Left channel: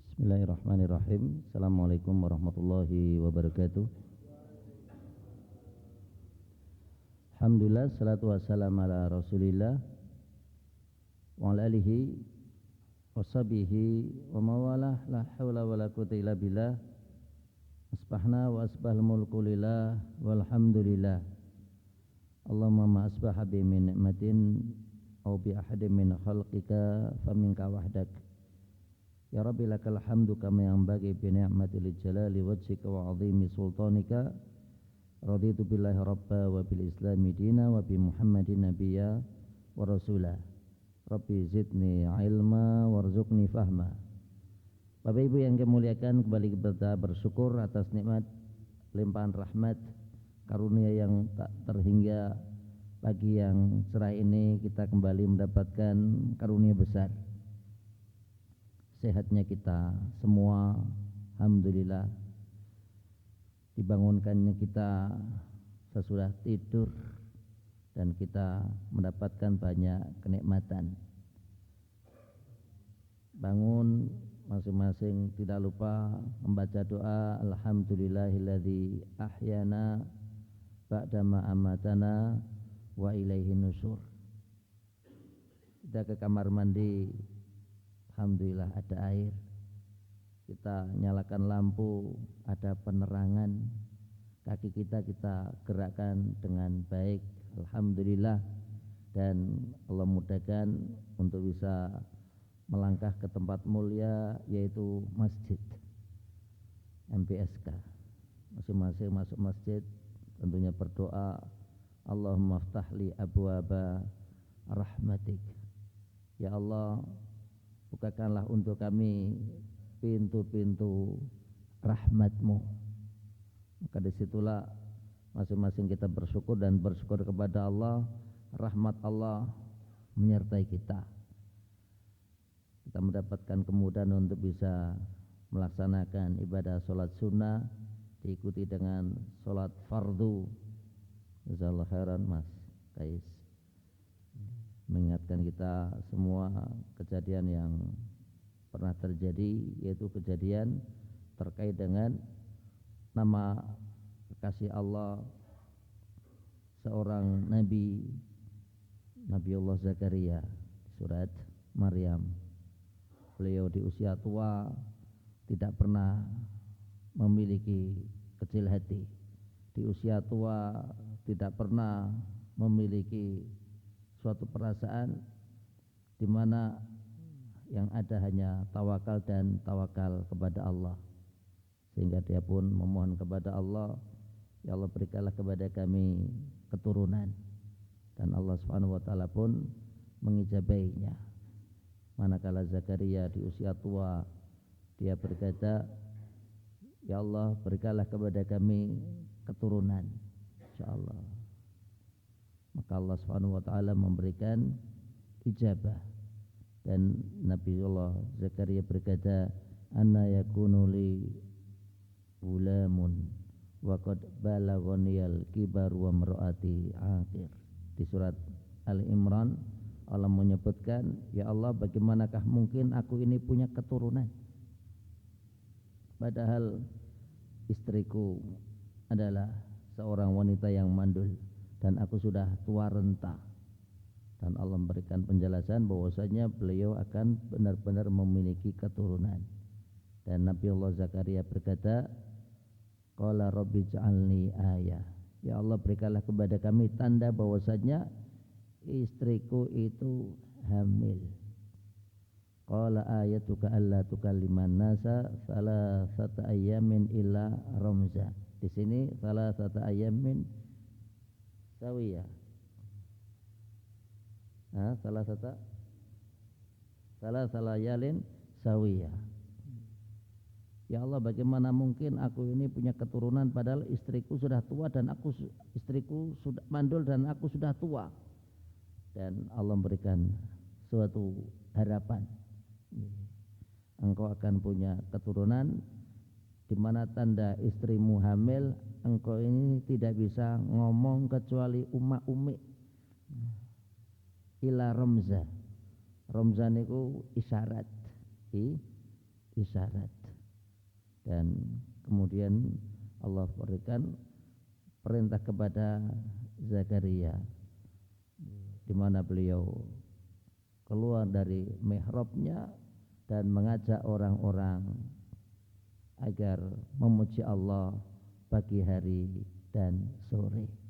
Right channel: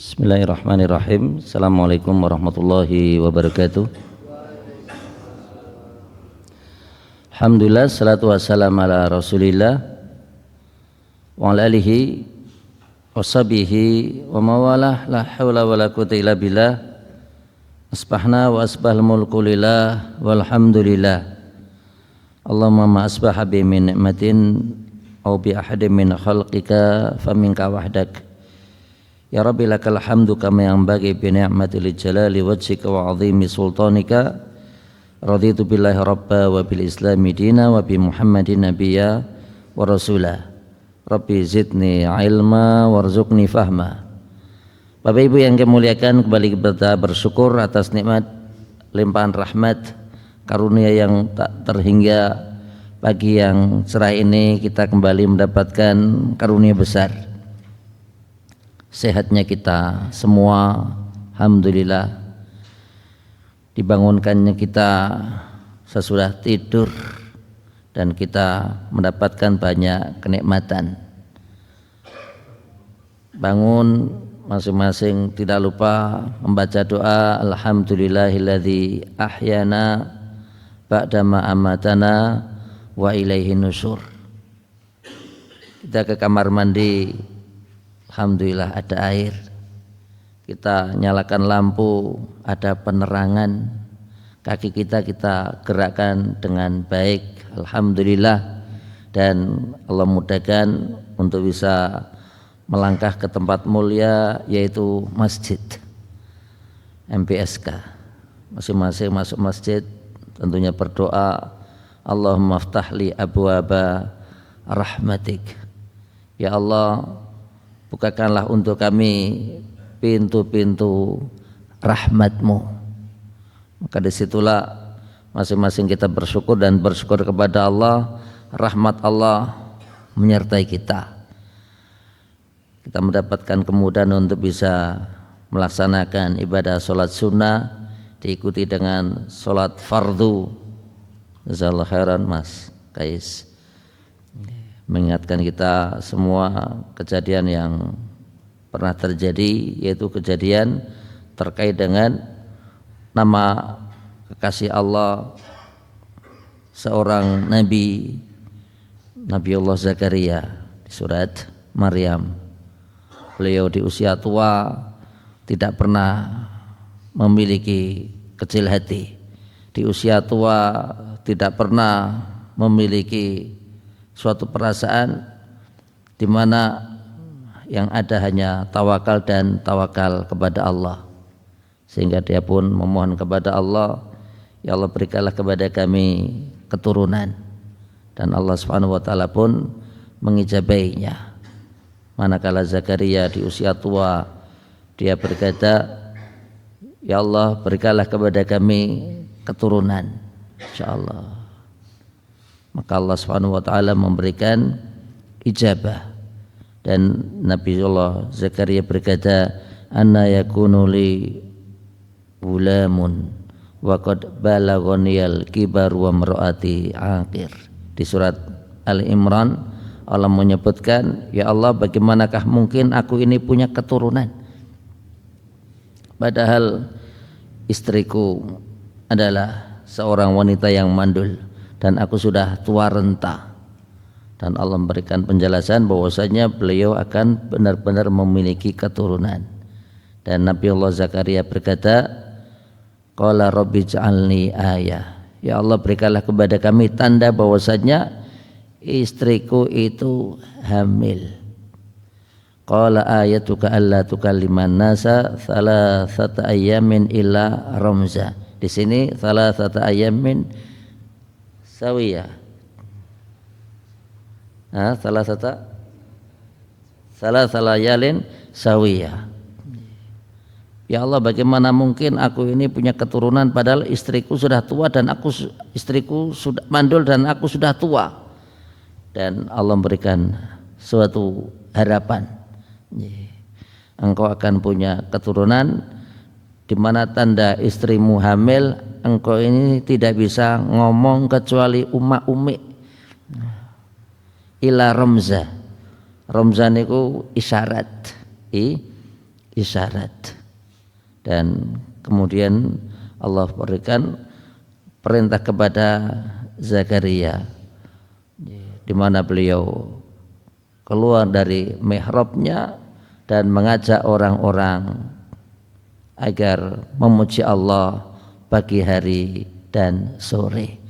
Bismillahirrahmanirrahim. Assalamualaikum warahmatullahi wabarakatuh. Alhamdulillah, salatu wassalamu ala rasulillah wa ala alihi wa sahbihi wa mawalah, la hawla wa la quwwata illa billah. Asbahna wa asbahal mulku lillah walhamdulillah. Allahumma ma asbaha bi min ni'matin aw bi ahadin min khalqika faminka wahdak. Ya Rabbi lakal hamdu kama yang bagi bi ni'matil jalali wajhika wa 'azimi sultanika. Raditu billahi rabba wa bil islami dina wa bi Muhammadin nabiyya wa rasulah. Rabbi zidni ilma warzuqni fahma. Bapak Ibu yang kami muliakan, kembali kita bersyukur atas nikmat limpahan rahmat karunia yang tak terhingga. Pagi yang cerah ini kita kembali mendapatkan karunia besar. Sehatnya kita semua, alhamdulillah. Dibangunkannya kita sesudah tidur dan kita mendapatkan banyak kenikmatan. Bangun masing-masing tidak lupa membaca doa alhamdulillahilladzi ahyana ba'dama amatana wa ilaihi nusyur. Kita ke kamar mandi, alhamdulillah ada air. Kita nyalakan lampu, ada penerangan. Kaki kita gerakkan dengan baik, alhamdulillah. Dan Allah mudahkan untuk bisa melangkah ke tempat mulia, yaitu masjid MPSK. Masing-masing masuk masjid tentunya berdoa, Allahumma ftahli abwaba rahmatik. Ya Allah, bukakanlah untuk kami pintu-pintu rahmat-Mu. Maka disitulah masing-masing kita bersyukur dan bersyukur kepada Allah. Rahmat Allah menyertai kita. Kita mendapatkan kemudahan untuk bisa melaksanakan ibadah sholat sunnah, diikuti dengan sholat fardu. Jazakallahu khairan Mas Kais, mengingatkan kita semua kejadian yang pernah terjadi, yaitu kejadian terkait dengan nama kekasih Allah, seorang nabi, Nabiullah Zakaria di surat Maryam. Beliau di usia tua tidak pernah memiliki kecil hati, di usia tua tidak pernah memiliki suatu perasaan di mana yang ada hanya tawakal dan tawakal kepada Allah. Sehingga dia pun memohon kepada Allah, ya Allah berikanlah kepada kami keturunan. Dan Allah Subhanahu wa taala pun mengijabainya. Manakala Zakaria di usia tua, dia berkata, ya Allah berikanlah kepada kami keturunan, insyaallah. Maka Allah Subhanahu wa taala memberikan ijabah. Dan Nabiullah Zakaria berkata, anna yakunu li gulamun wa qad balaghaniyal kibar wa mar'ati aqir. Di surat Al-Imran Allah menyebutkan, ya Allah bagaimanakah mungkin aku ini punya keturunan, padahal istriku adalah seorang wanita yang mandul dan aku sudah tua renta. Dan Allah memberikan penjelasan bahwasanya beliau akan benar-benar memiliki keturunan. Dan Nabiullah Zakaria berkata, qala rabbi ja'alni ayah. Ya Allah berikanlah kepada kami tanda bahwasanya istriku itu hamil. Qala ayatuka alla tukalliman nasa thalathata ayyamin illa ramza. Di sini thalathata ayyamin sawiyah. Salah layalin sawiyah. Ya Allah bagaimana mungkin aku ini punya keturunan padahal istriku sudah tua dan istriku sudah mandul dan aku sudah tua. Dan Allah memberikan suatu harapan, engkau akan punya keturunan di mana tanda istrimu hamil, engkau ini tidak bisa ngomong kecuali umma-ummi. Ila ramza. Ramza niku isyarat. isyarat. Dan kemudian Allah berikan perintah kepada Zakaria di mana beliau keluar dari mihrabnya dan mengajak orang-orang agar memuji Allah pagi hari dan sore.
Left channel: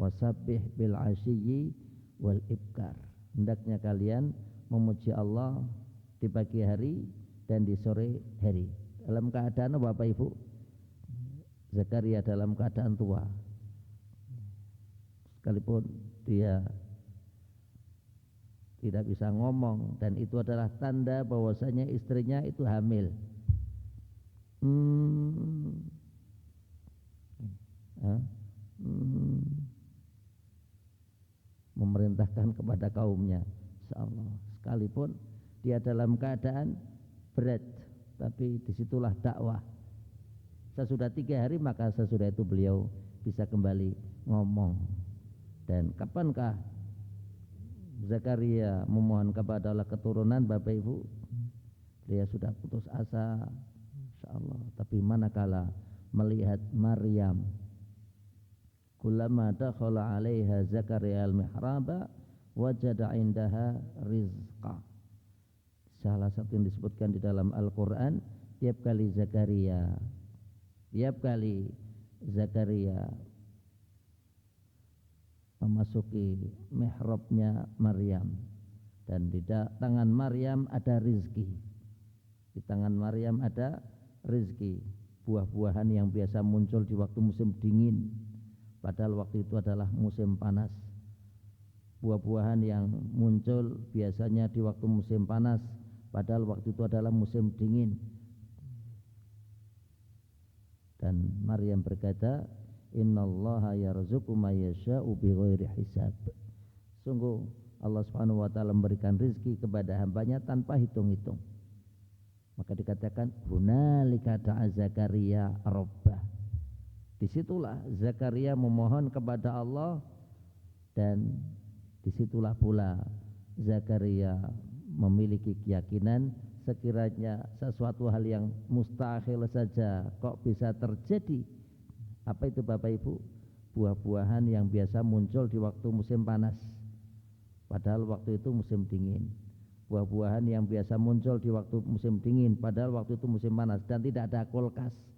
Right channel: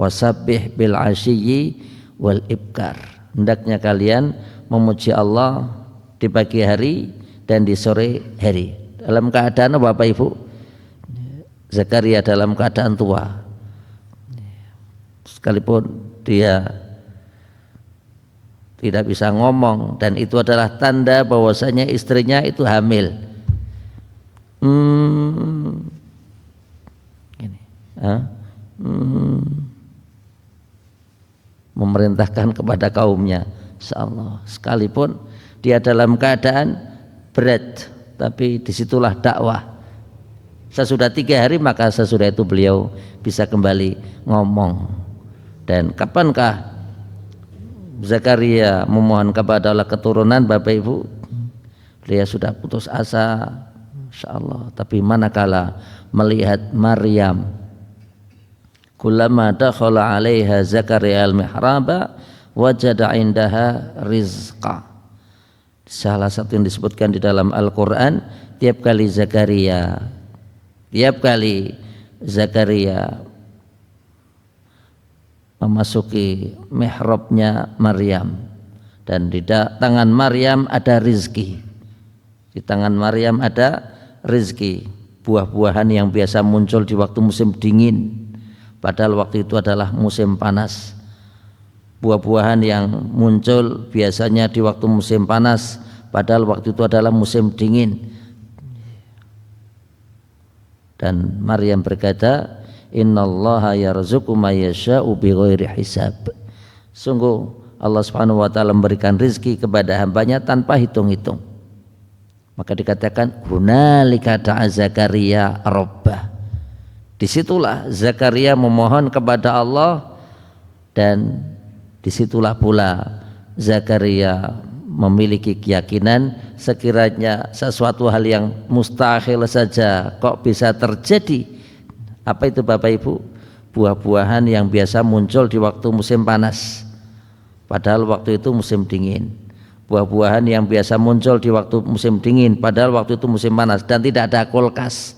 Wasabbih bil asyiyi wal ibkar. Hendaknya kalian memuji Allah di pagi hari dan di sore hari. Dalam keadaan Bapak Ibu, Zakaria dalam keadaan tua, sekalipun dia tidak bisa ngomong, dan itu adalah tanda bahwasanya istrinya itu hamil. Memerintahkan kepada kaumnya, insyaallah, sekalipun dia dalam keadaan berat, tapi disitulah dakwah. Sesudah 3 hari maka sesudah itu beliau bisa kembali ngomong. Dan kapankah Zakaria memohon kepada Allah keturunan, Bapak Ibu? Dia sudah putus asa, insyaallah. Tapi manakala melihat Maryam, kullama dakhala 'alaiha Zakaria al-mihraba wajada 'indaha rizqa. Salah satu yang disebutkan di dalam Al-Qur'an, tiap kali Zakaria memasuki mihrabnya Maryam, dan di tangan Maryam ada rizki. Di tangan Maryam ada rizki, buah-buahan yang biasa muncul di waktu musim dingin, padahal waktu itu adalah musim panas. Buah-buahan yang muncul biasanya di waktu musim panas, padahal waktu itu adalah musim dingin. Dan Maryam berkata, innallaha yarzuqu may yasha'u bighairi hisab. Sungguh Allah Subhanahu wa taala memberikan rezeki kepada hambanya tanpa hitung-hitung. Maka dikatakan hunalika da'a Zakaria rabbah. Disitulah Zakaria memohon kepada Allah, dan disitulah pula Zakaria memiliki keyakinan sekiranya sesuatu hal yang mustahil saja kok bisa terjadi. Apa itu Bapak Ibu? Buah-buahan yang biasa muncul di waktu musim panas, padahal waktu itu musim dingin. Buah-buahan yang biasa muncul di waktu musim dingin, padahal waktu itu musim panas, dan tidak ada kulkas.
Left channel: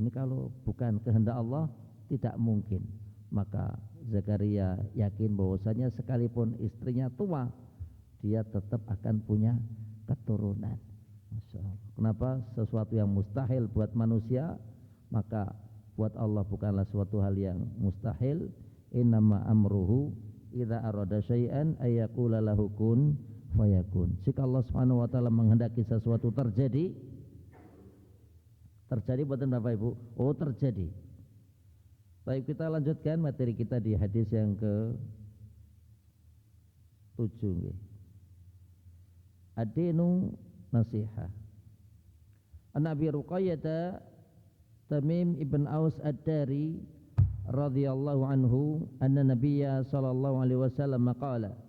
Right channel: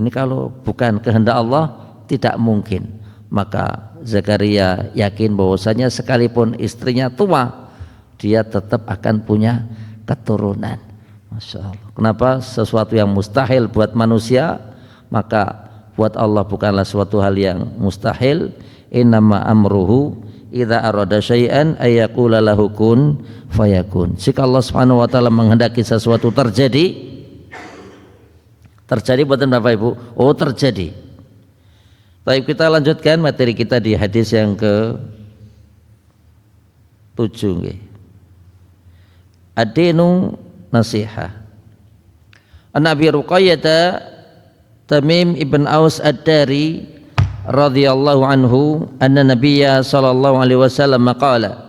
Ini kalau bukan kehendak Allah tidak mungkin. Maka Zakaria yakin bahwasanya sekalipun istrinya tua, dia tetap akan punya keturunan. Masya Allah. Kenapa? Sesuatu yang mustahil buat manusia, maka buat Allah bukanlah suatu hal yang mustahil. Innama amruhu idza arada syai'an ayyaqula lahu kun fayakun. Jika Allah Subhanahu wa taala menghendaki sesuatu terjadi buatan Bapak Ibu, terjadi. Baik, kita lanjutkan materi kita di hadis yang ke-7. Ad-dinu nasihah. An Abi Ruqayyah Tamim ibn Aus Ad-Dari radhiyallahu anhu anna Nabiyya sallallahu alaihi wasallam qala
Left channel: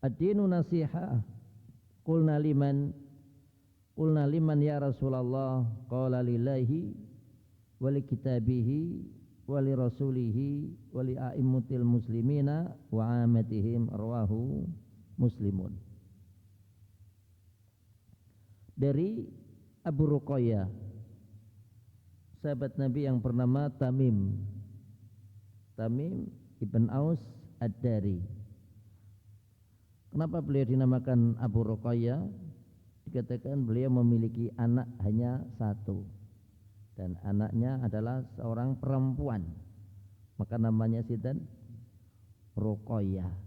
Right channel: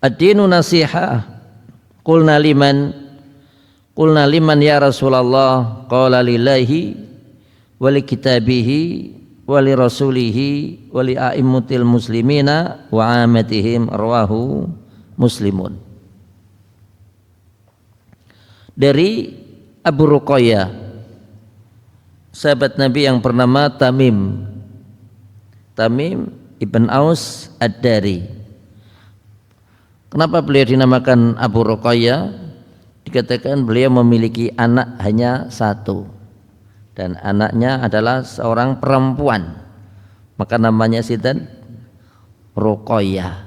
Ad-dinu nasihah. Qulna liman ya Rasulullah? Qala lillahi wali kitabihi wali rasulihi wali a'immatil muslimina wa amatihim, rawahu Muslimun. Dari Abu Ruqayyah, sahabat Nabi yang bernama Tamim ibn Aus Ad-Dari. Kenapa beliau dinamakan Abu Ruqayyah? Dikatakan beliau memiliki anak hanya 1, dan anaknya adalah seorang perempuan, maka namanya sinten? Ruqayyah.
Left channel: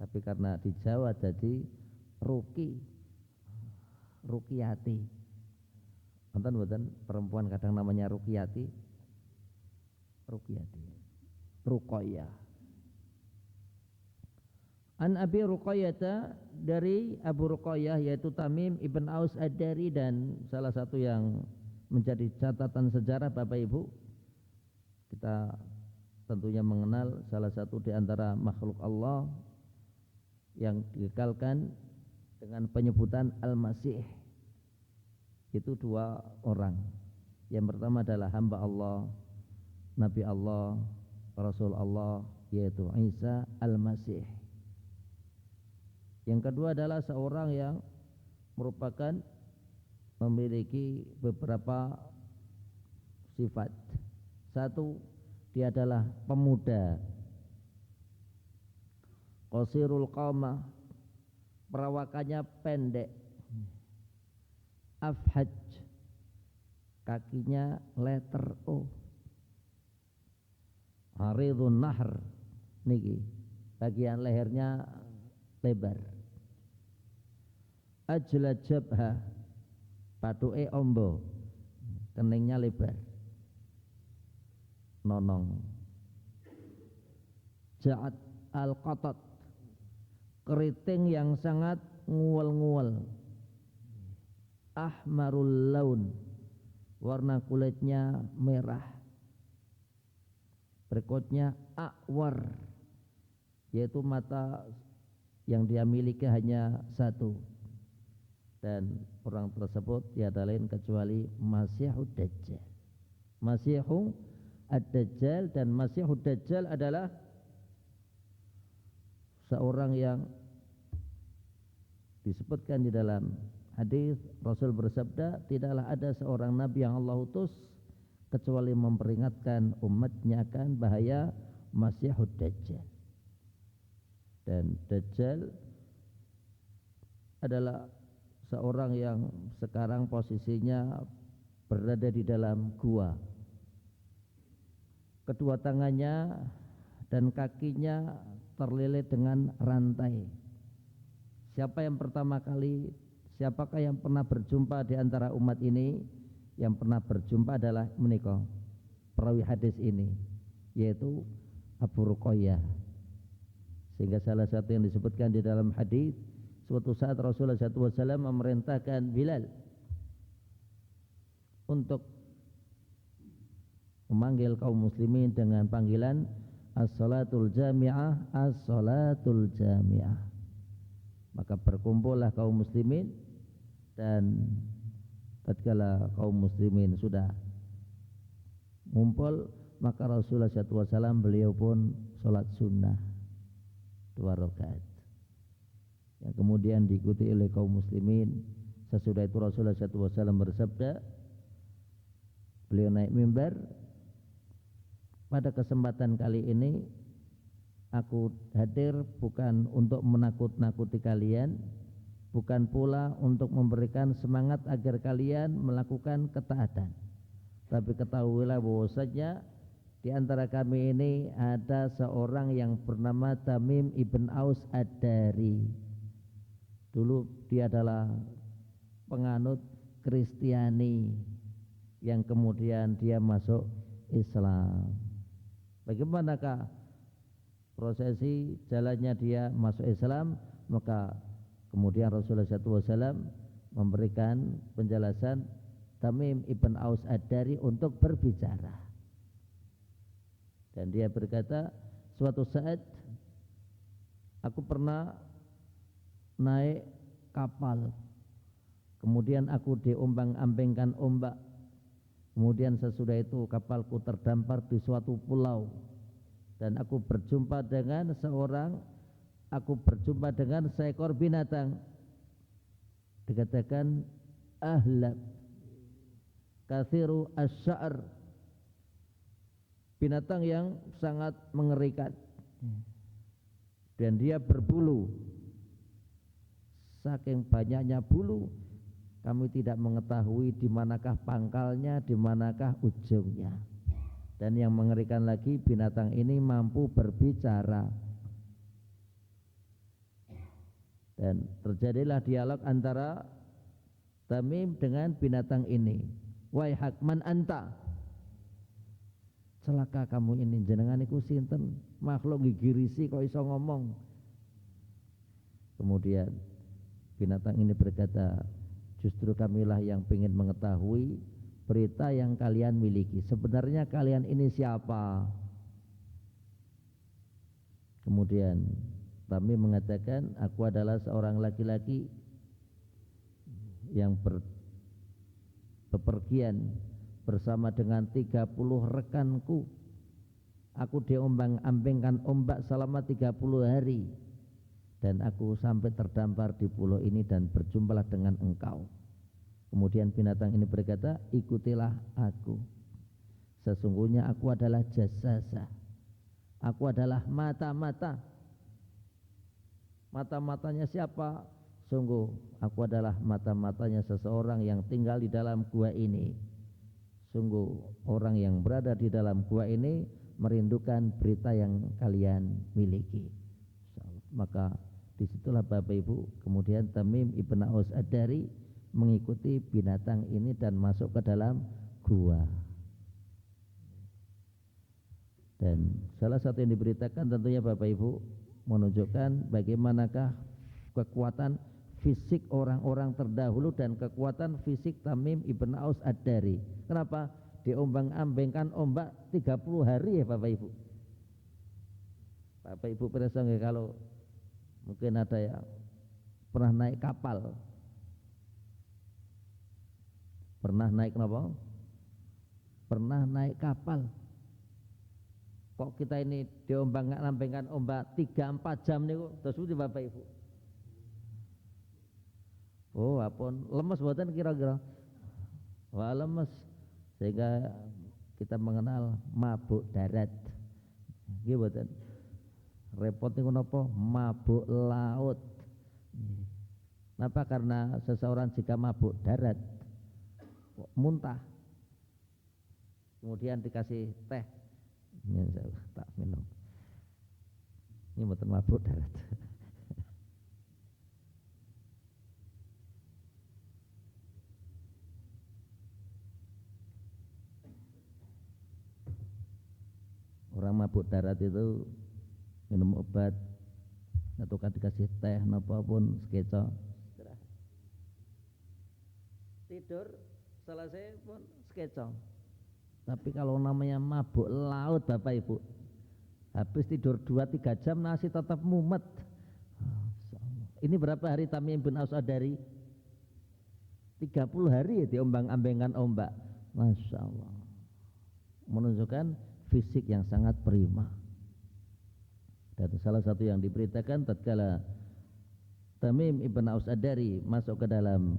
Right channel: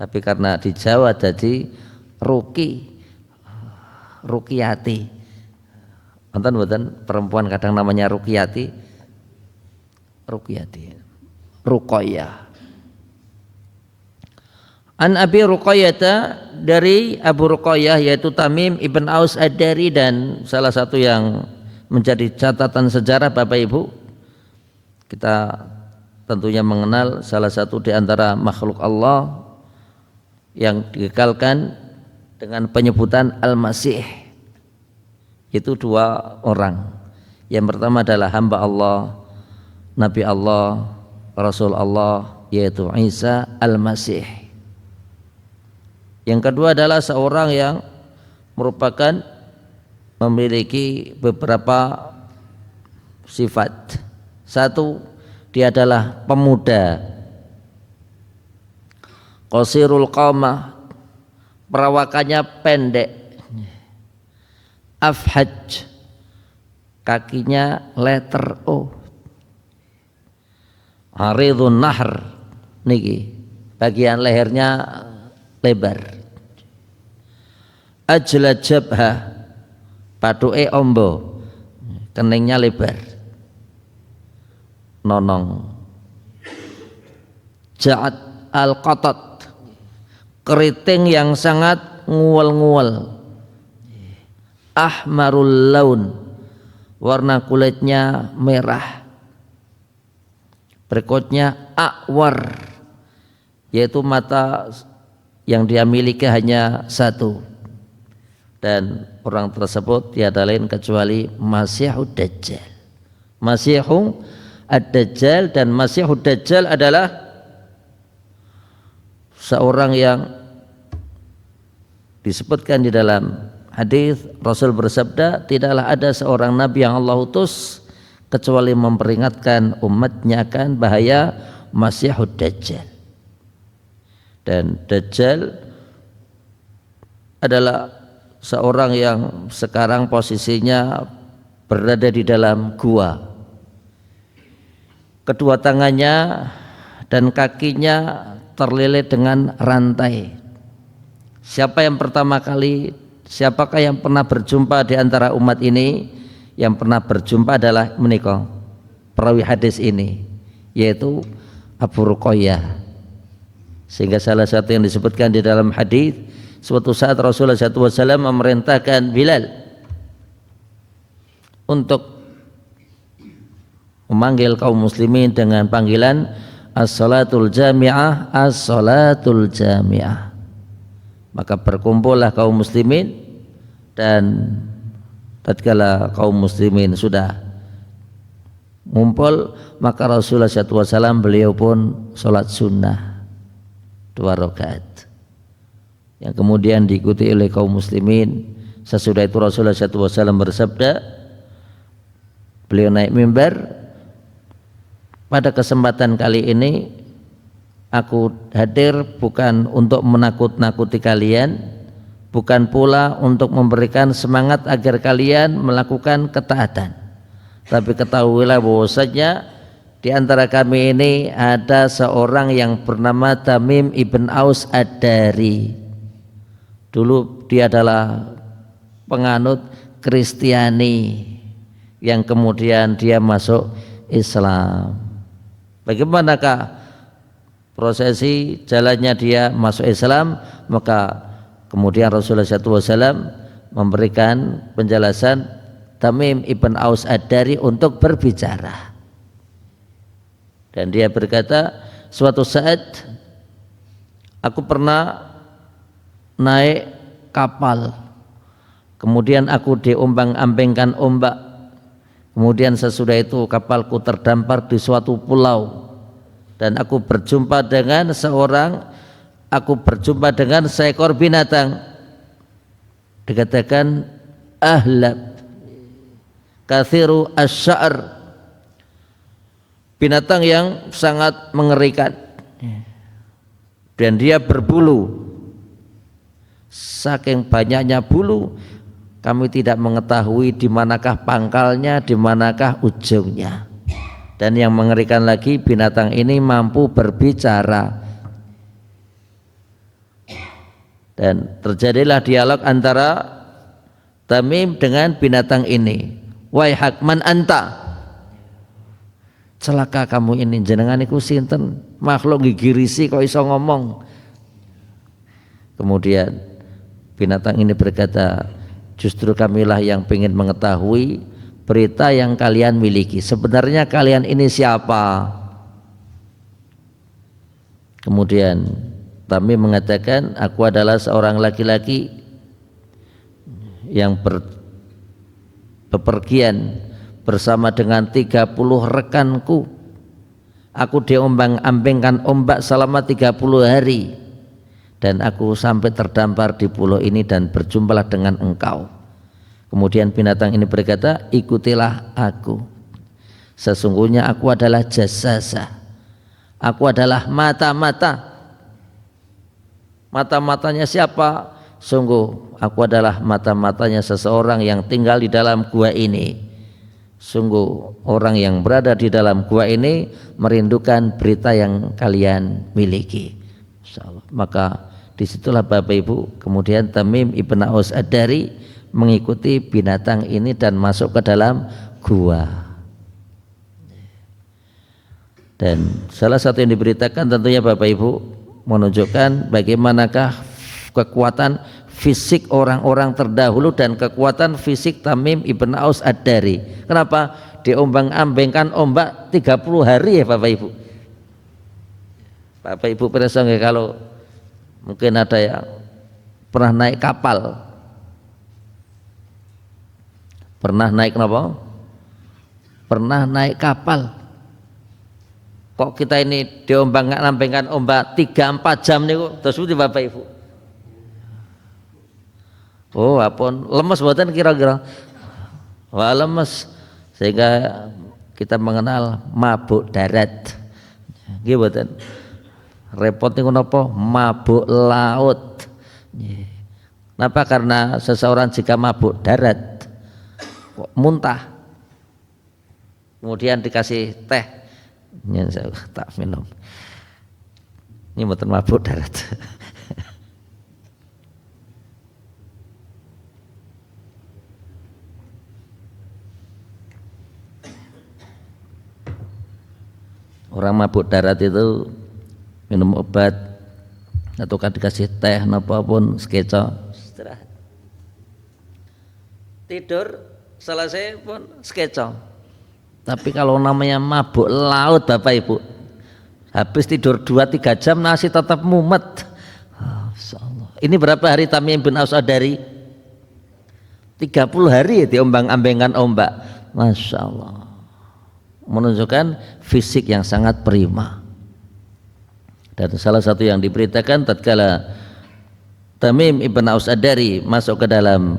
Tapi karena di Jawa jadi Ruqiyati. Wonten perempuan kadang namanya Ruqiyati. Ruqayyah. An Abi Ruqayyah, dari Abu Ruqayyah yaitu Tamim ibn Aus Ad-Dari, dan salah satu yang menjadi catatan sejarah Bapak Ibu, kita tentunya mengenal salah satu di antara makhluk Allah yang dikekalkan dengan penyebutan Al-Masih. Itu dua orang. Yang pertama adalah hamba Allah, Nabi Allah, Rasul Allah, yaitu Isa Al-Masih. Yang kedua adalah seorang yang merupakan memiliki beberapa sifat. Satu, dia adalah pemuda, qasirul qamah, perawakannya pendek, afhaj, kakinya letter O, aridun nahr, niki bagian lehernya lebar, ajla jabha, patuke ombo, keningnya lebar, nonong, ja'at al-qatat, keriting yang sangat nguel-nguel, ahmarul laun, warna kulitnya merah. Berikutnya akwar, yaitu mata yang dia miliki hanya satu, dan orang tersebut tiada lain kecuali Masihud Dajjal. Masihud Ad-Dajjal, dan Masihud Dajjal adalah seorang yang disebutkan di dalam hadis Rasul bersabda, tidaklah ada seorang nabi yang Allah utus kecuali memperingatkan umatnya akan bahaya Masihud Dajjal. Dan Dajjal adalah seorang yang sekarang posisinya berada di dalam gua. Kedua tangannya dan kakinya terlilit dengan rantai. Siapakah yang pernah berjumpa di antara umat ini? Yang pernah berjumpa adalah menikah perawi hadis ini, yaitu Abu Ruqayyah. Sehingga salah satu yang disebutkan di dalam hadis, suatu saat Rasulullah SAW memerintahkan Bilal untuk memanggil kaum muslimin dengan panggilan as-salatul jami'ah, as-salatul jami'ah. Maka berkumpullah kaum muslimin, dan tatkala kaum muslimin sudah ngumpul, maka Rasulullah SAW beliau pun sholat sunnah 2 rakaat yang kemudian diikuti oleh kaum muslimin. Sesudah itu Rasulullah SAW bersabda, beliau naik mimbar, pada kesempatan kali ini aku hadir bukan untuk menakut-nakuti kalian, bukan pula untuk memberikan semangat agar kalian melakukan ketaatan, tapi ketahuilah bahwasanya di antara kami ini ada seorang yang bernama Tamim ibn Aus Ad-Dari. Dulu dia adalah penganut Kristiani yang kemudian dia masuk Islam. Bagaimanakah prosesi jalannya dia masuk Islam? Maka kemudian Rasulullah SAW memberikan penjelasan Tamim ibn Aus Ad-Dari untuk berbicara. Dan dia berkata, suatu saat aku pernah naik kapal, kemudian aku diombang-ambingkan ombak, kemudian sesudah itu kapalku terdampar di suatu pulau, dan aku berjumpa dengan seekor binatang, dikatakan ahlab kathiru asy-sya'r, binatang yang sangat mengerikan dan dia berbulu. Saking banyaknya bulu, kami tidak mengetahui di manakah pangkalnya, di manakah ujungnya. Dan yang mengerikan lagi, binatang ini mampu berbicara. Dan terjadilah dialog antara Tamim dengan binatang ini. Waihak man anta, celaka kamu ini, jenengan iku sinten, makhluk gigirisi kok iso ngomong. Kemudian binatang ini berkata, justru kamilah yang ingin mengetahui berita yang kalian miliki. Sebenarnya kalian ini siapa? Kemudian Tamim mengatakan, aku adalah seorang laki-laki yang bepergian bersama dengan 30 rekanku. Aku diombang-ambingkan ombak selama 30 hari dan aku sampai terdampar di pulau ini dan berjumpalah dengan engkau. Kemudian binatang ini berkata, ikutilah aku. Sesungguhnya aku adalah jasasa. Aku adalah mata-mata. Mata-matanya siapa? Sungguh aku adalah mata-matanya seseorang yang tinggal di dalam gua ini. Sungguh orang yang berada di dalam gua ini merindukan berita yang kalian miliki. Insyaallah. Maka disitulah Bapak Ibu, kemudian Tamim ibn Aus Ad-Dari mengikuti binatang ini dan masuk ke dalam gua. Dan salah satu yang diberitakan tentunya Bapak Ibu menunjukkan bagaimanakah kekuatan fisik orang-orang terdahulu dan kekuatan fisik Tamim ibn Aus Ad-Dari. Kenapa? Diombang-ambingkan ombak 30 hari ya Bapak Ibu. Bapak Ibu perasa nggak kalau mungkin ada yang pernah naik kapal. Pernah naik apa? Pernah naik kapal. Kok kita ini diombang-ambingkan ombak 3-4 jam nih kok terus Bapak Ibu. Oh, apun lemes buatan kira-kira. Wah, lemes sehingga kita mengenal mabuk darat. Nggih mboten. Repot niku napa? Mabuk laut. Kenapa? Karena seseorang jika mabuk darat muntah. Kemudian dikasih teh. Nyen saya tak minum. Ini mboten mabuk darat. Orang mabuk darat itu minum obat atau kan dikasih teh apapun sekeco istirahat. Tidur selesai pun sekeco. Tapi kalau namanya mabuk laut Bapak Ibu, habis tidur 2-3 jam masih tetap mumet. Ini berapa hari Tamim bin Aus Ad-Dari? 30 hari diombang-ambingkan ombak. Masya Allah, menunjukkan fisik yang sangat prima. Dan salah satu yang diberitakan tatkala Tamim ibn Aus Ad-Dari masuk ke dalam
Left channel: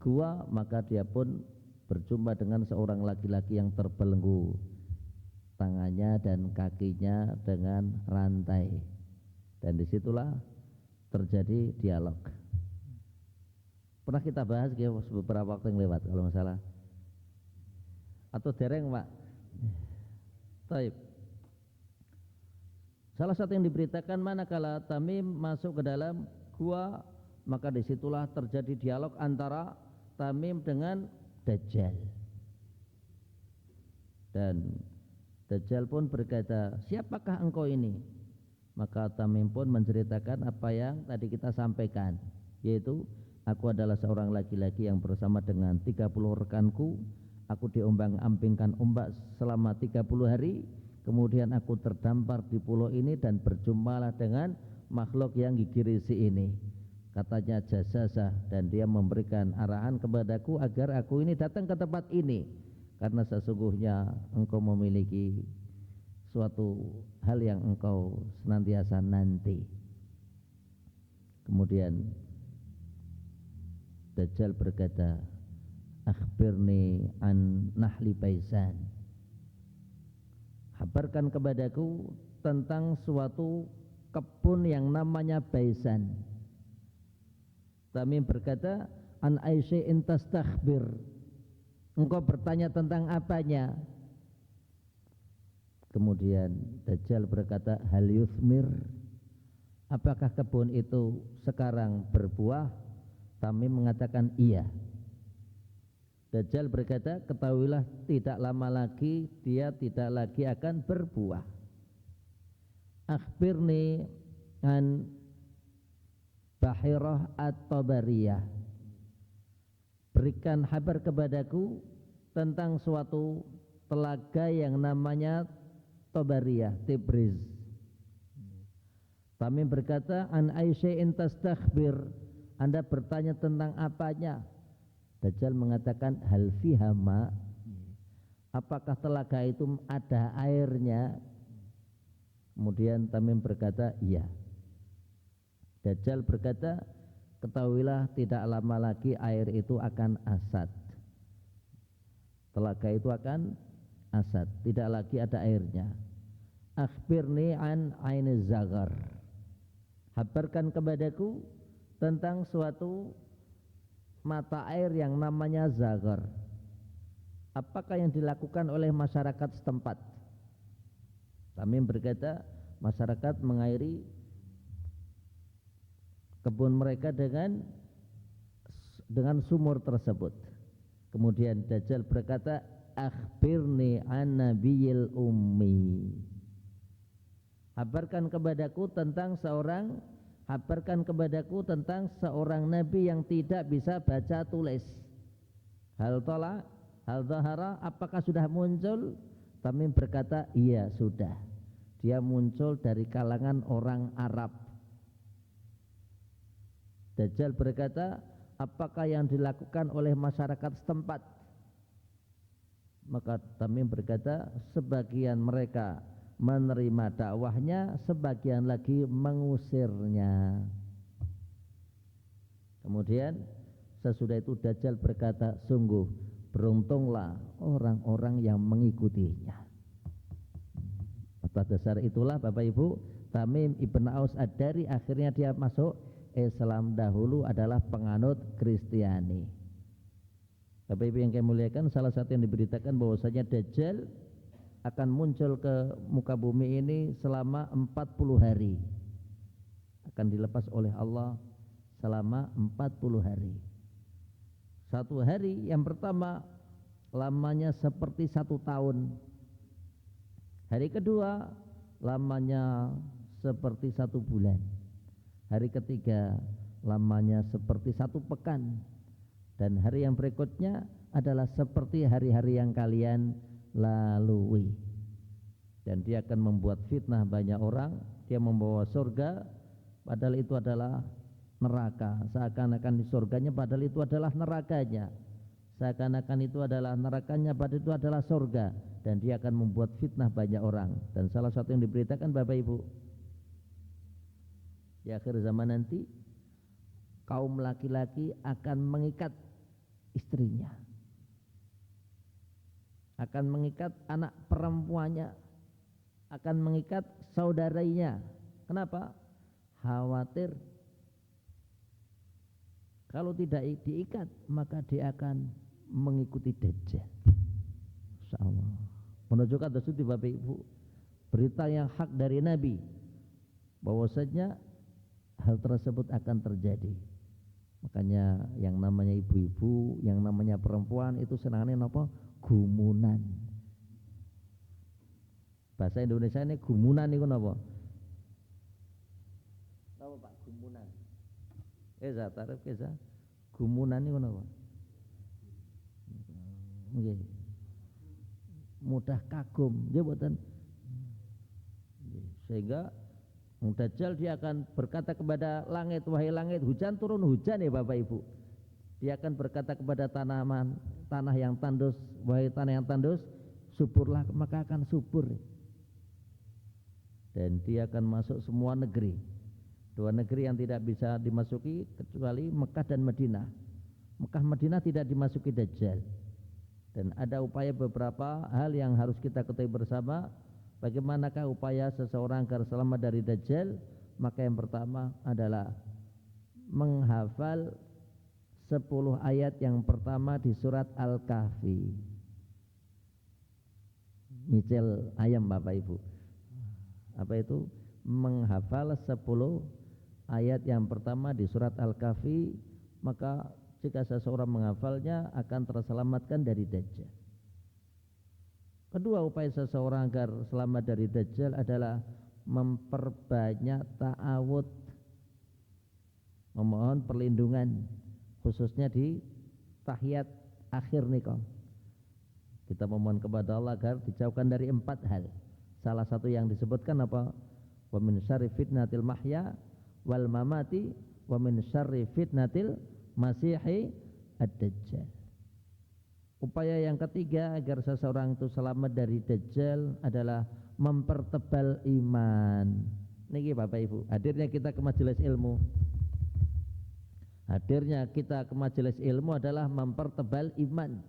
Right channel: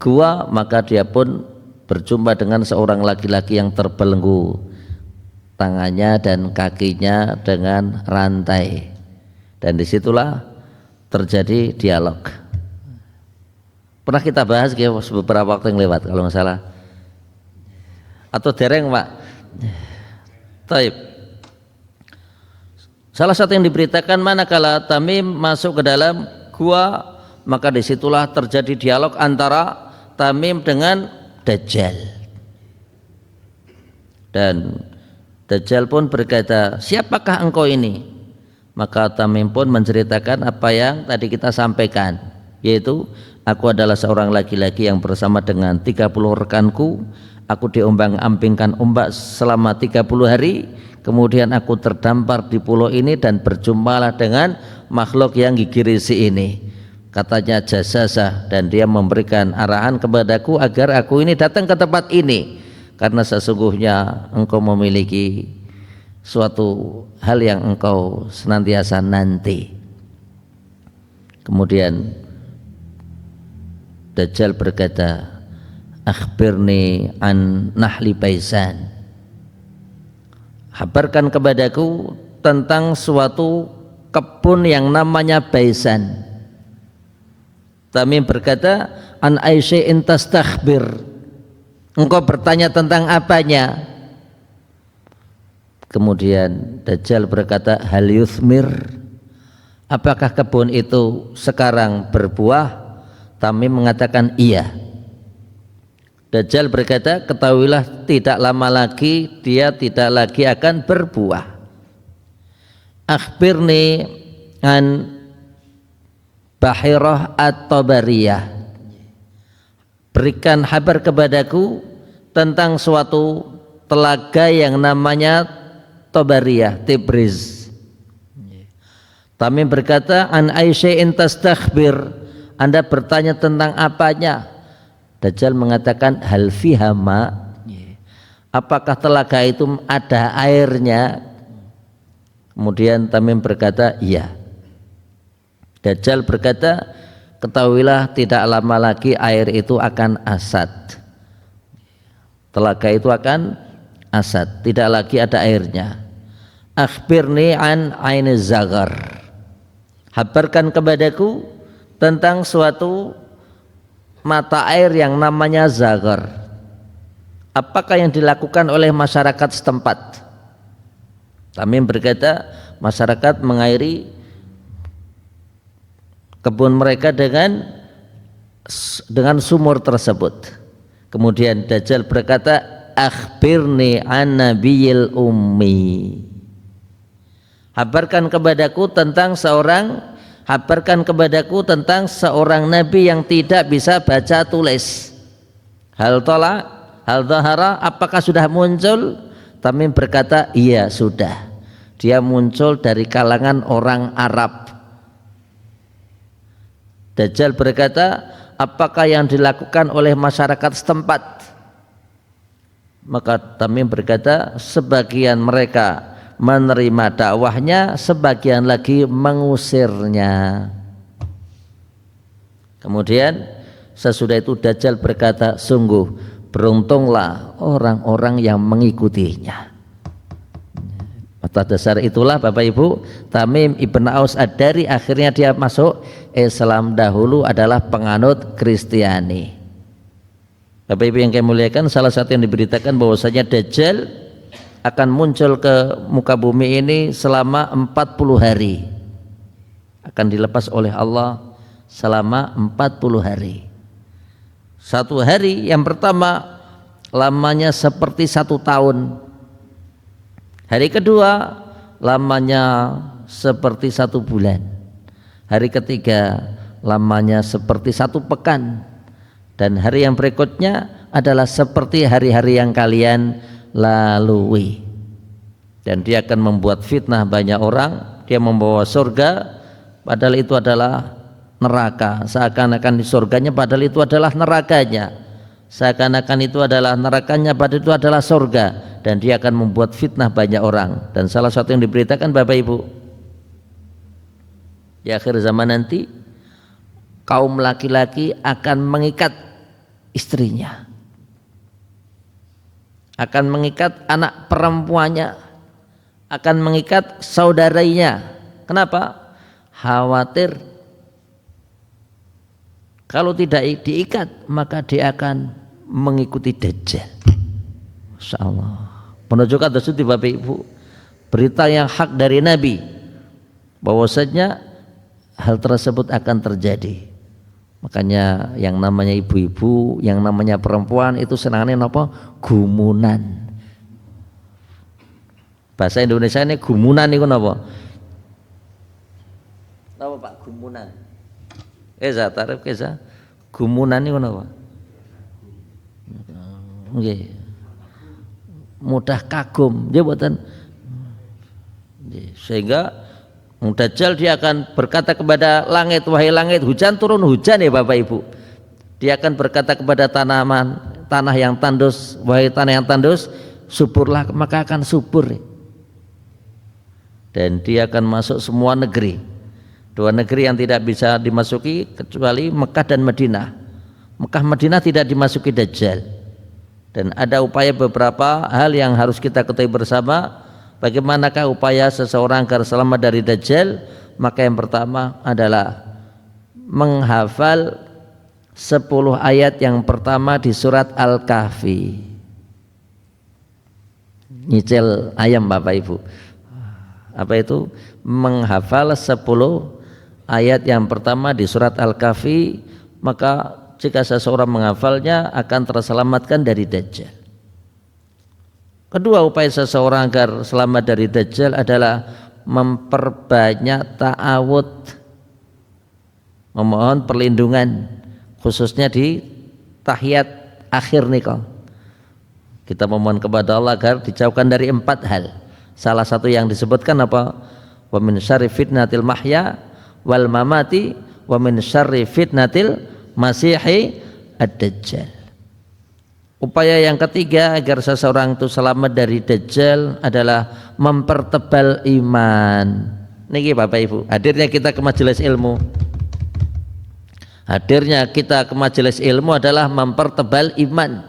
gua, maka dia pun berjumpa dengan seorang laki-laki yang terbelenggu tangannya dan kakinya dengan rantai, dan disitulah terjadi dialog. Pernah kita bahas beberapa waktu yang lewat kalau nggak salah, atau dereng Pak? Taib. Salah satu yang diberitakan manakala Tamim masuk ke dalam gua, maka disitulah terjadi dialog antara Tamim dengan Dajjal. Dan Dajjal pun berkata, siapakah engkau ini? Maka Tamim pun menceritakan apa yang tadi kita sampaikan, yaitu aku adalah seorang laki-laki yang bersama dengan 30 rekanku. Aku diombang-ambingkan ombak selama 30 hari. Kemudian aku terdampar di pulau ini dan berjumpalah dengan makhluk yang gigirisi ini. Katanya jasasa, dan dia memberikan arahan kepadaku agar aku ini datang ke tempat ini, karena sesungguhnya engkau memiliki suatu hal yang engkau senantiasa nanti. Kemudian Dajjal berkata, akhbirni an nahli baisan, habarkan kepadaku tentang suatu kebun yang namanya Baisan. Tamim berkata, an aisya'in tastakhbir, engkau bertanya tentang apanya? Kemudian Dajjal berkata, hal yuthmir, apakah kebun itu sekarang berbuah? Tamim mengatakan iya. Dajjal berkata, ketahuilah tidak lama lagi dia tidak lagi akan berbuah. Akhbirni an Bahirah at-Tabariyah, berikan kabar kepadaku tentang suatu telaga yang namanya Tabariyah, Tibriz. Tamim berkata, an aisya'in tastakhbir, Anda bertanya tentang apanya? Dajjal mengatakan hal fiha ma, apakah telaga itu ada airnya? Kemudian Tamim berkata iya. Dajjal berkata, ketahuilah tidak lama lagi air itu akan asad. Telaga itu akan asad, tidak lagi ada airnya. Akhbirni an aini zagar, habarkan kepadaku tentang suatu mata air yang namanya zagar. Apakah yang dilakukan oleh masyarakat setempat? Tamim berkata, masyarakat mengairi kebun mereka dengan sumur tersebut. Kemudian Dajjal berkata, akhbirni an nabiyil ummi, habarkan kepadaku tentang seorang nabi yang tidak bisa baca tulis. Hal zahara, apakah sudah muncul? Tamim berkata, iya sudah. Dia muncul dari kalangan orang Arab. Dajjal berkata, apakah yang dilakukan oleh masyarakat setempat? Maka Tamim berkata, sebagian mereka menerima dakwahnya, sebagian lagi mengusirnya. Kemudian sesudah itu Dajjal berkata, sungguh beruntunglah orang-orang yang mengikutinya. Atas dasar itulah Bapak Ibu, Tamim ibn Aus Ad-Dari akhirnya dia masuk Islam, dahulu adalah penganut Kristiani. Bapak Ibu yang kami muliakan, salah satu yang diberitakan bahwasanya Dajjal akan muncul ke muka bumi ini selama 40 hari. Akan dilepas oleh Allah selama 40 hari. Satu hari yang pertama lamanya seperti 1 tahun. Hari kedua lamanya seperti 1 bulan. Hari ketiga lamanya seperti 1 pekan. Dan hari yang berikutnya adalah seperti hari-hari yang kalian lalui. Dan dia akan membuat fitnah banyak orang. Dia membawa surga padahal itu adalah neraka. Seakan-akan di surganya padahal itu adalah nerakanya. Seakan-akan itu adalah nerakanya padahal itu adalah surga. Dan dia akan membuat fitnah banyak orang. Dan salah satu yang diberitakan Bapak Ibu, di akhir zaman nanti kaum laki-laki akan mengikat istrinya, akan mengikat anak perempuannya, akan mengikat saudaranya. Kenapa? Khawatir kalau tidak diikat maka dia akan mengikuti Dajjal. Masya Allah, menunjukkan tersebut Bapak Ibu, berita yang hak dari Nabi bahwasanya hal tersebut akan terjadi. Makanya yang namanya ibu-ibu, yang namanya perempuan itu senangnya apa? Gumunan. Bahasa Indonesia ini gumunan itu apa? Apa Pak gumunan? Tarif kesa. Gumunan itu apa? Nggih. Mudah kagum, dia buatan. Sehingga Dajjal dia akan berkata kepada langit, wahai langit, hujan turun hujan ya Bapak Ibu. Dia akan berkata kepada tanaman, tanah yang tandus, wahai tanah yang tandus, suburlah, maka akan subur. Dan dia akan masuk semua negeri. 2 negeri yang tidak bisa dimasuki kecuali Mekah dan Madinah. Mekah Madinah tidak dimasuki Dajjal. Dan ada upaya beberapa hal yang harus kita ketahui bersama. Bagaimanakah upaya seseorang agar selamat dari Dajjal? Maka yang pertama adalah menghafal 10 ayat yang pertama di surat Al-Kahfi. Nyicil ayam Bapak Ibu. Apa itu? Menghafal 10 ayat yang pertama di surat Al-Kahfi, maka jika seseorang menghafalnya akan terselamatkan dari Dajjal. Kedua upaya seseorang agar selamat dari Dajjal adalah memperbanyak ta'awud, memohon perlindungan khususnya di tahiyat akhir nikah. Kita memohon kepada Allah agar dijauhkan dari 4 hal. Salah satu yang disebutkan apa? Wa min syarri fitnatil mahya wal mamati wa min syarri fitnatil masihi ad-dajjal. Upaya yang ketiga agar seseorang itu selamat dari dajjal adalah mempertebal iman. Niki Bapak Ibu, hadirnya kita ke majelis ilmu. Hadirnya kita ke majelis ilmu adalah mempertebal iman.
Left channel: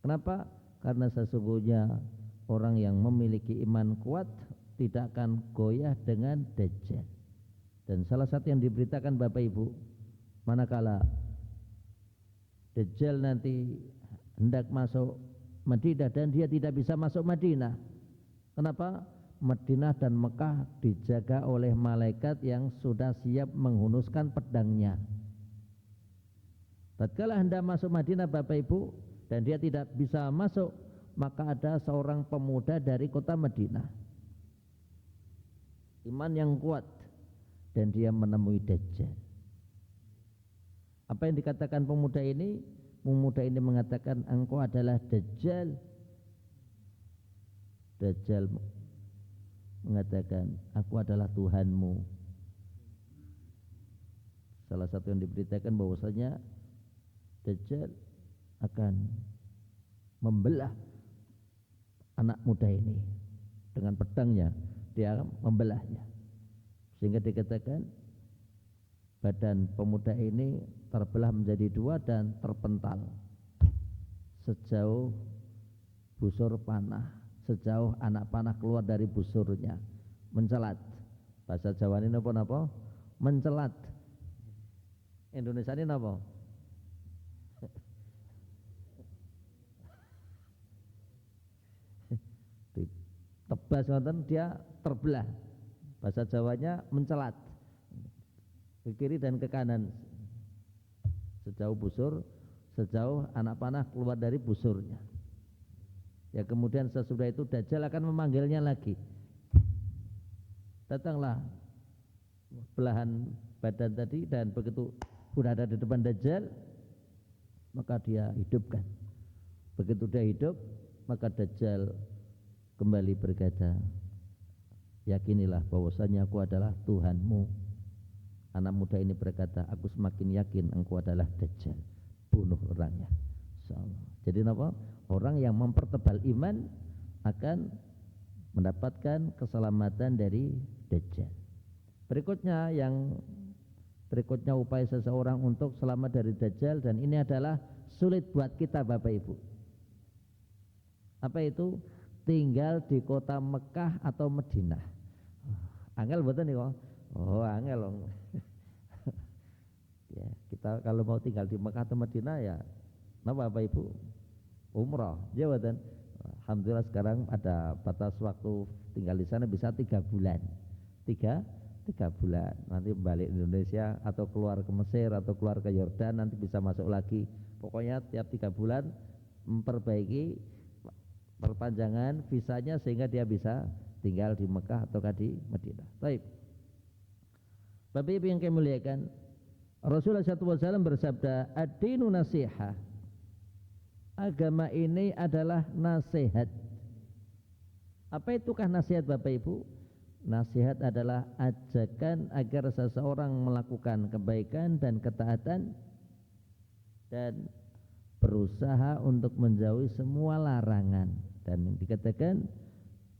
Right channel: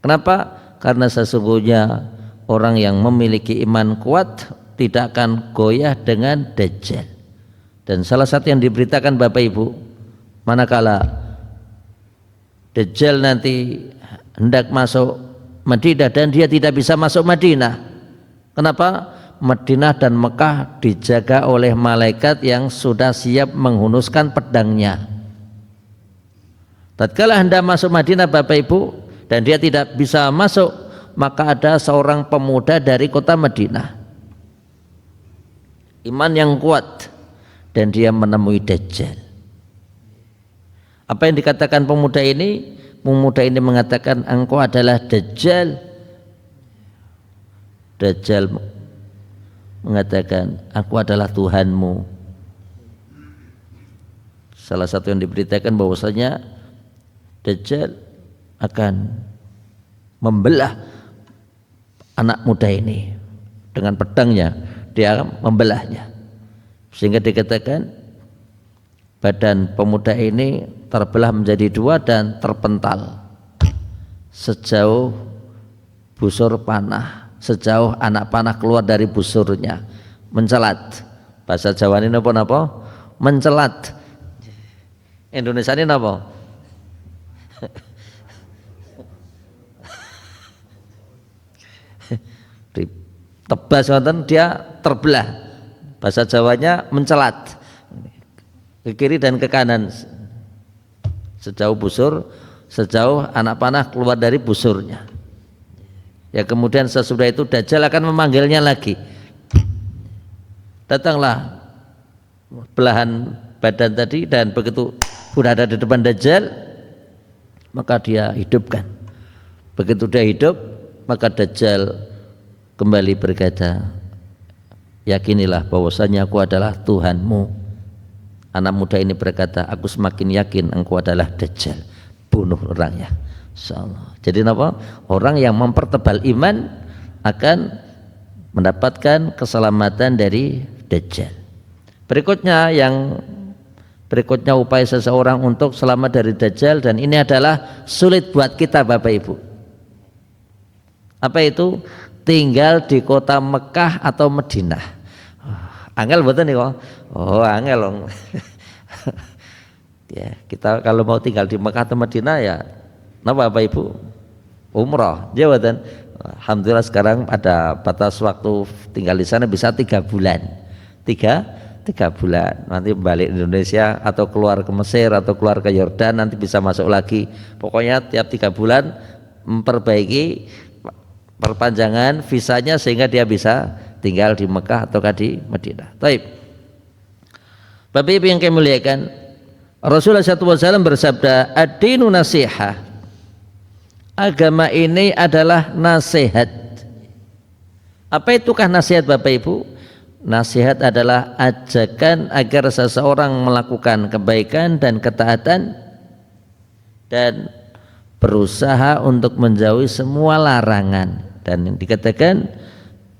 Kenapa? Karena sesungguhnya orang yang memiliki iman kuat tidak akan goyah dengan dajjal. Dan salah satu yang diberitakan Bapak Ibu, manakala dajjal nanti hendak masuk Madinah dan dia tidak bisa masuk Madinah. Kenapa? Madinah dan Mekah dijaga oleh malaikat yang sudah siap menghunuskan pedangnya. Tatkala hendak masuk Madinah Bapak Ibu dan dia tidak bisa masuk, maka ada seorang pemuda dari kota Madinah, iman yang kuat, dan dia menemui dajjal. Apa yang dikatakan pemuda ini? Pemuda ini mengatakan, engkau adalah dajjal. Dajjal mengatakan, aku adalah Tuhanmu. Salah satu yang diberitakan bahwasanya dajjal akan membelah anak muda ini dengan pedangnya, dia membelahnya, sehingga dikatakan badan pemuda ini terbelah menjadi dua dan terpental sejauh busur panah, sejauh anak panah keluar dari busurnya, mencelat. Bahasa Jawa ini apa? Mencelat. Indonesia ini apa? Tebas wonten, dia terbelah. Bahasa Jawanya mencelat ke kiri dan ke kanan sejauh busur, sejauh anak panah keluar dari busurnya. Ya, kemudian sesudah itu dajjal akan memanggilnya lagi. Datanglah belahan badan tadi, dan begitu sudah ada di depan dajjal, maka dia hidupkan. Begitu dia hidup, maka dajjal kembali berkata, yakinilah bahwasanya aku adalah Tuhanmu. Anak muda ini berkata, aku semakin yakin engkau adalah dajjal. Bunuh orangnya. Insyaallah. Jadi apa? Orang yang mempertebal iman akan mendapatkan keselamatan dari dajjal. Berikutnya upaya seseorang untuk selamat dari dajjal, dan ini adalah sulit buat kita Bapak Ibu. Apa itu? Tinggal di kota Mekah atau Madinah. Angel betul nih kok. Oh, angel dong. Ya, kita kalau mau tinggal di Mekah atau Madinah ya, napa Bapak Ibu? Umrah, jawatan. Alhamdulillah sekarang ada batas waktu tinggal di sana bisa 3 bulan. 3 bulan. Nanti balik Indonesia atau keluar ke Mesir atau keluar ke Yordan, nanti bisa masuk lagi. Pokoknya tiap 3 bulan memperbaiki perpanjangan visanya sehingga dia bisa tinggal di Mekah atau di Madinah. Baik. Bapak Ibu yang kami muliakan, Rasulullah SAW bersabda, ad-dinu nasihah. Agama ini adalah nasihat. Apa itukah nasihat Bapak Ibu? Nasihat adalah ajakan agar seseorang melakukan kebaikan dan ketaatan dan berusaha untuk menjauhi semua larangan. Dan dikatakan,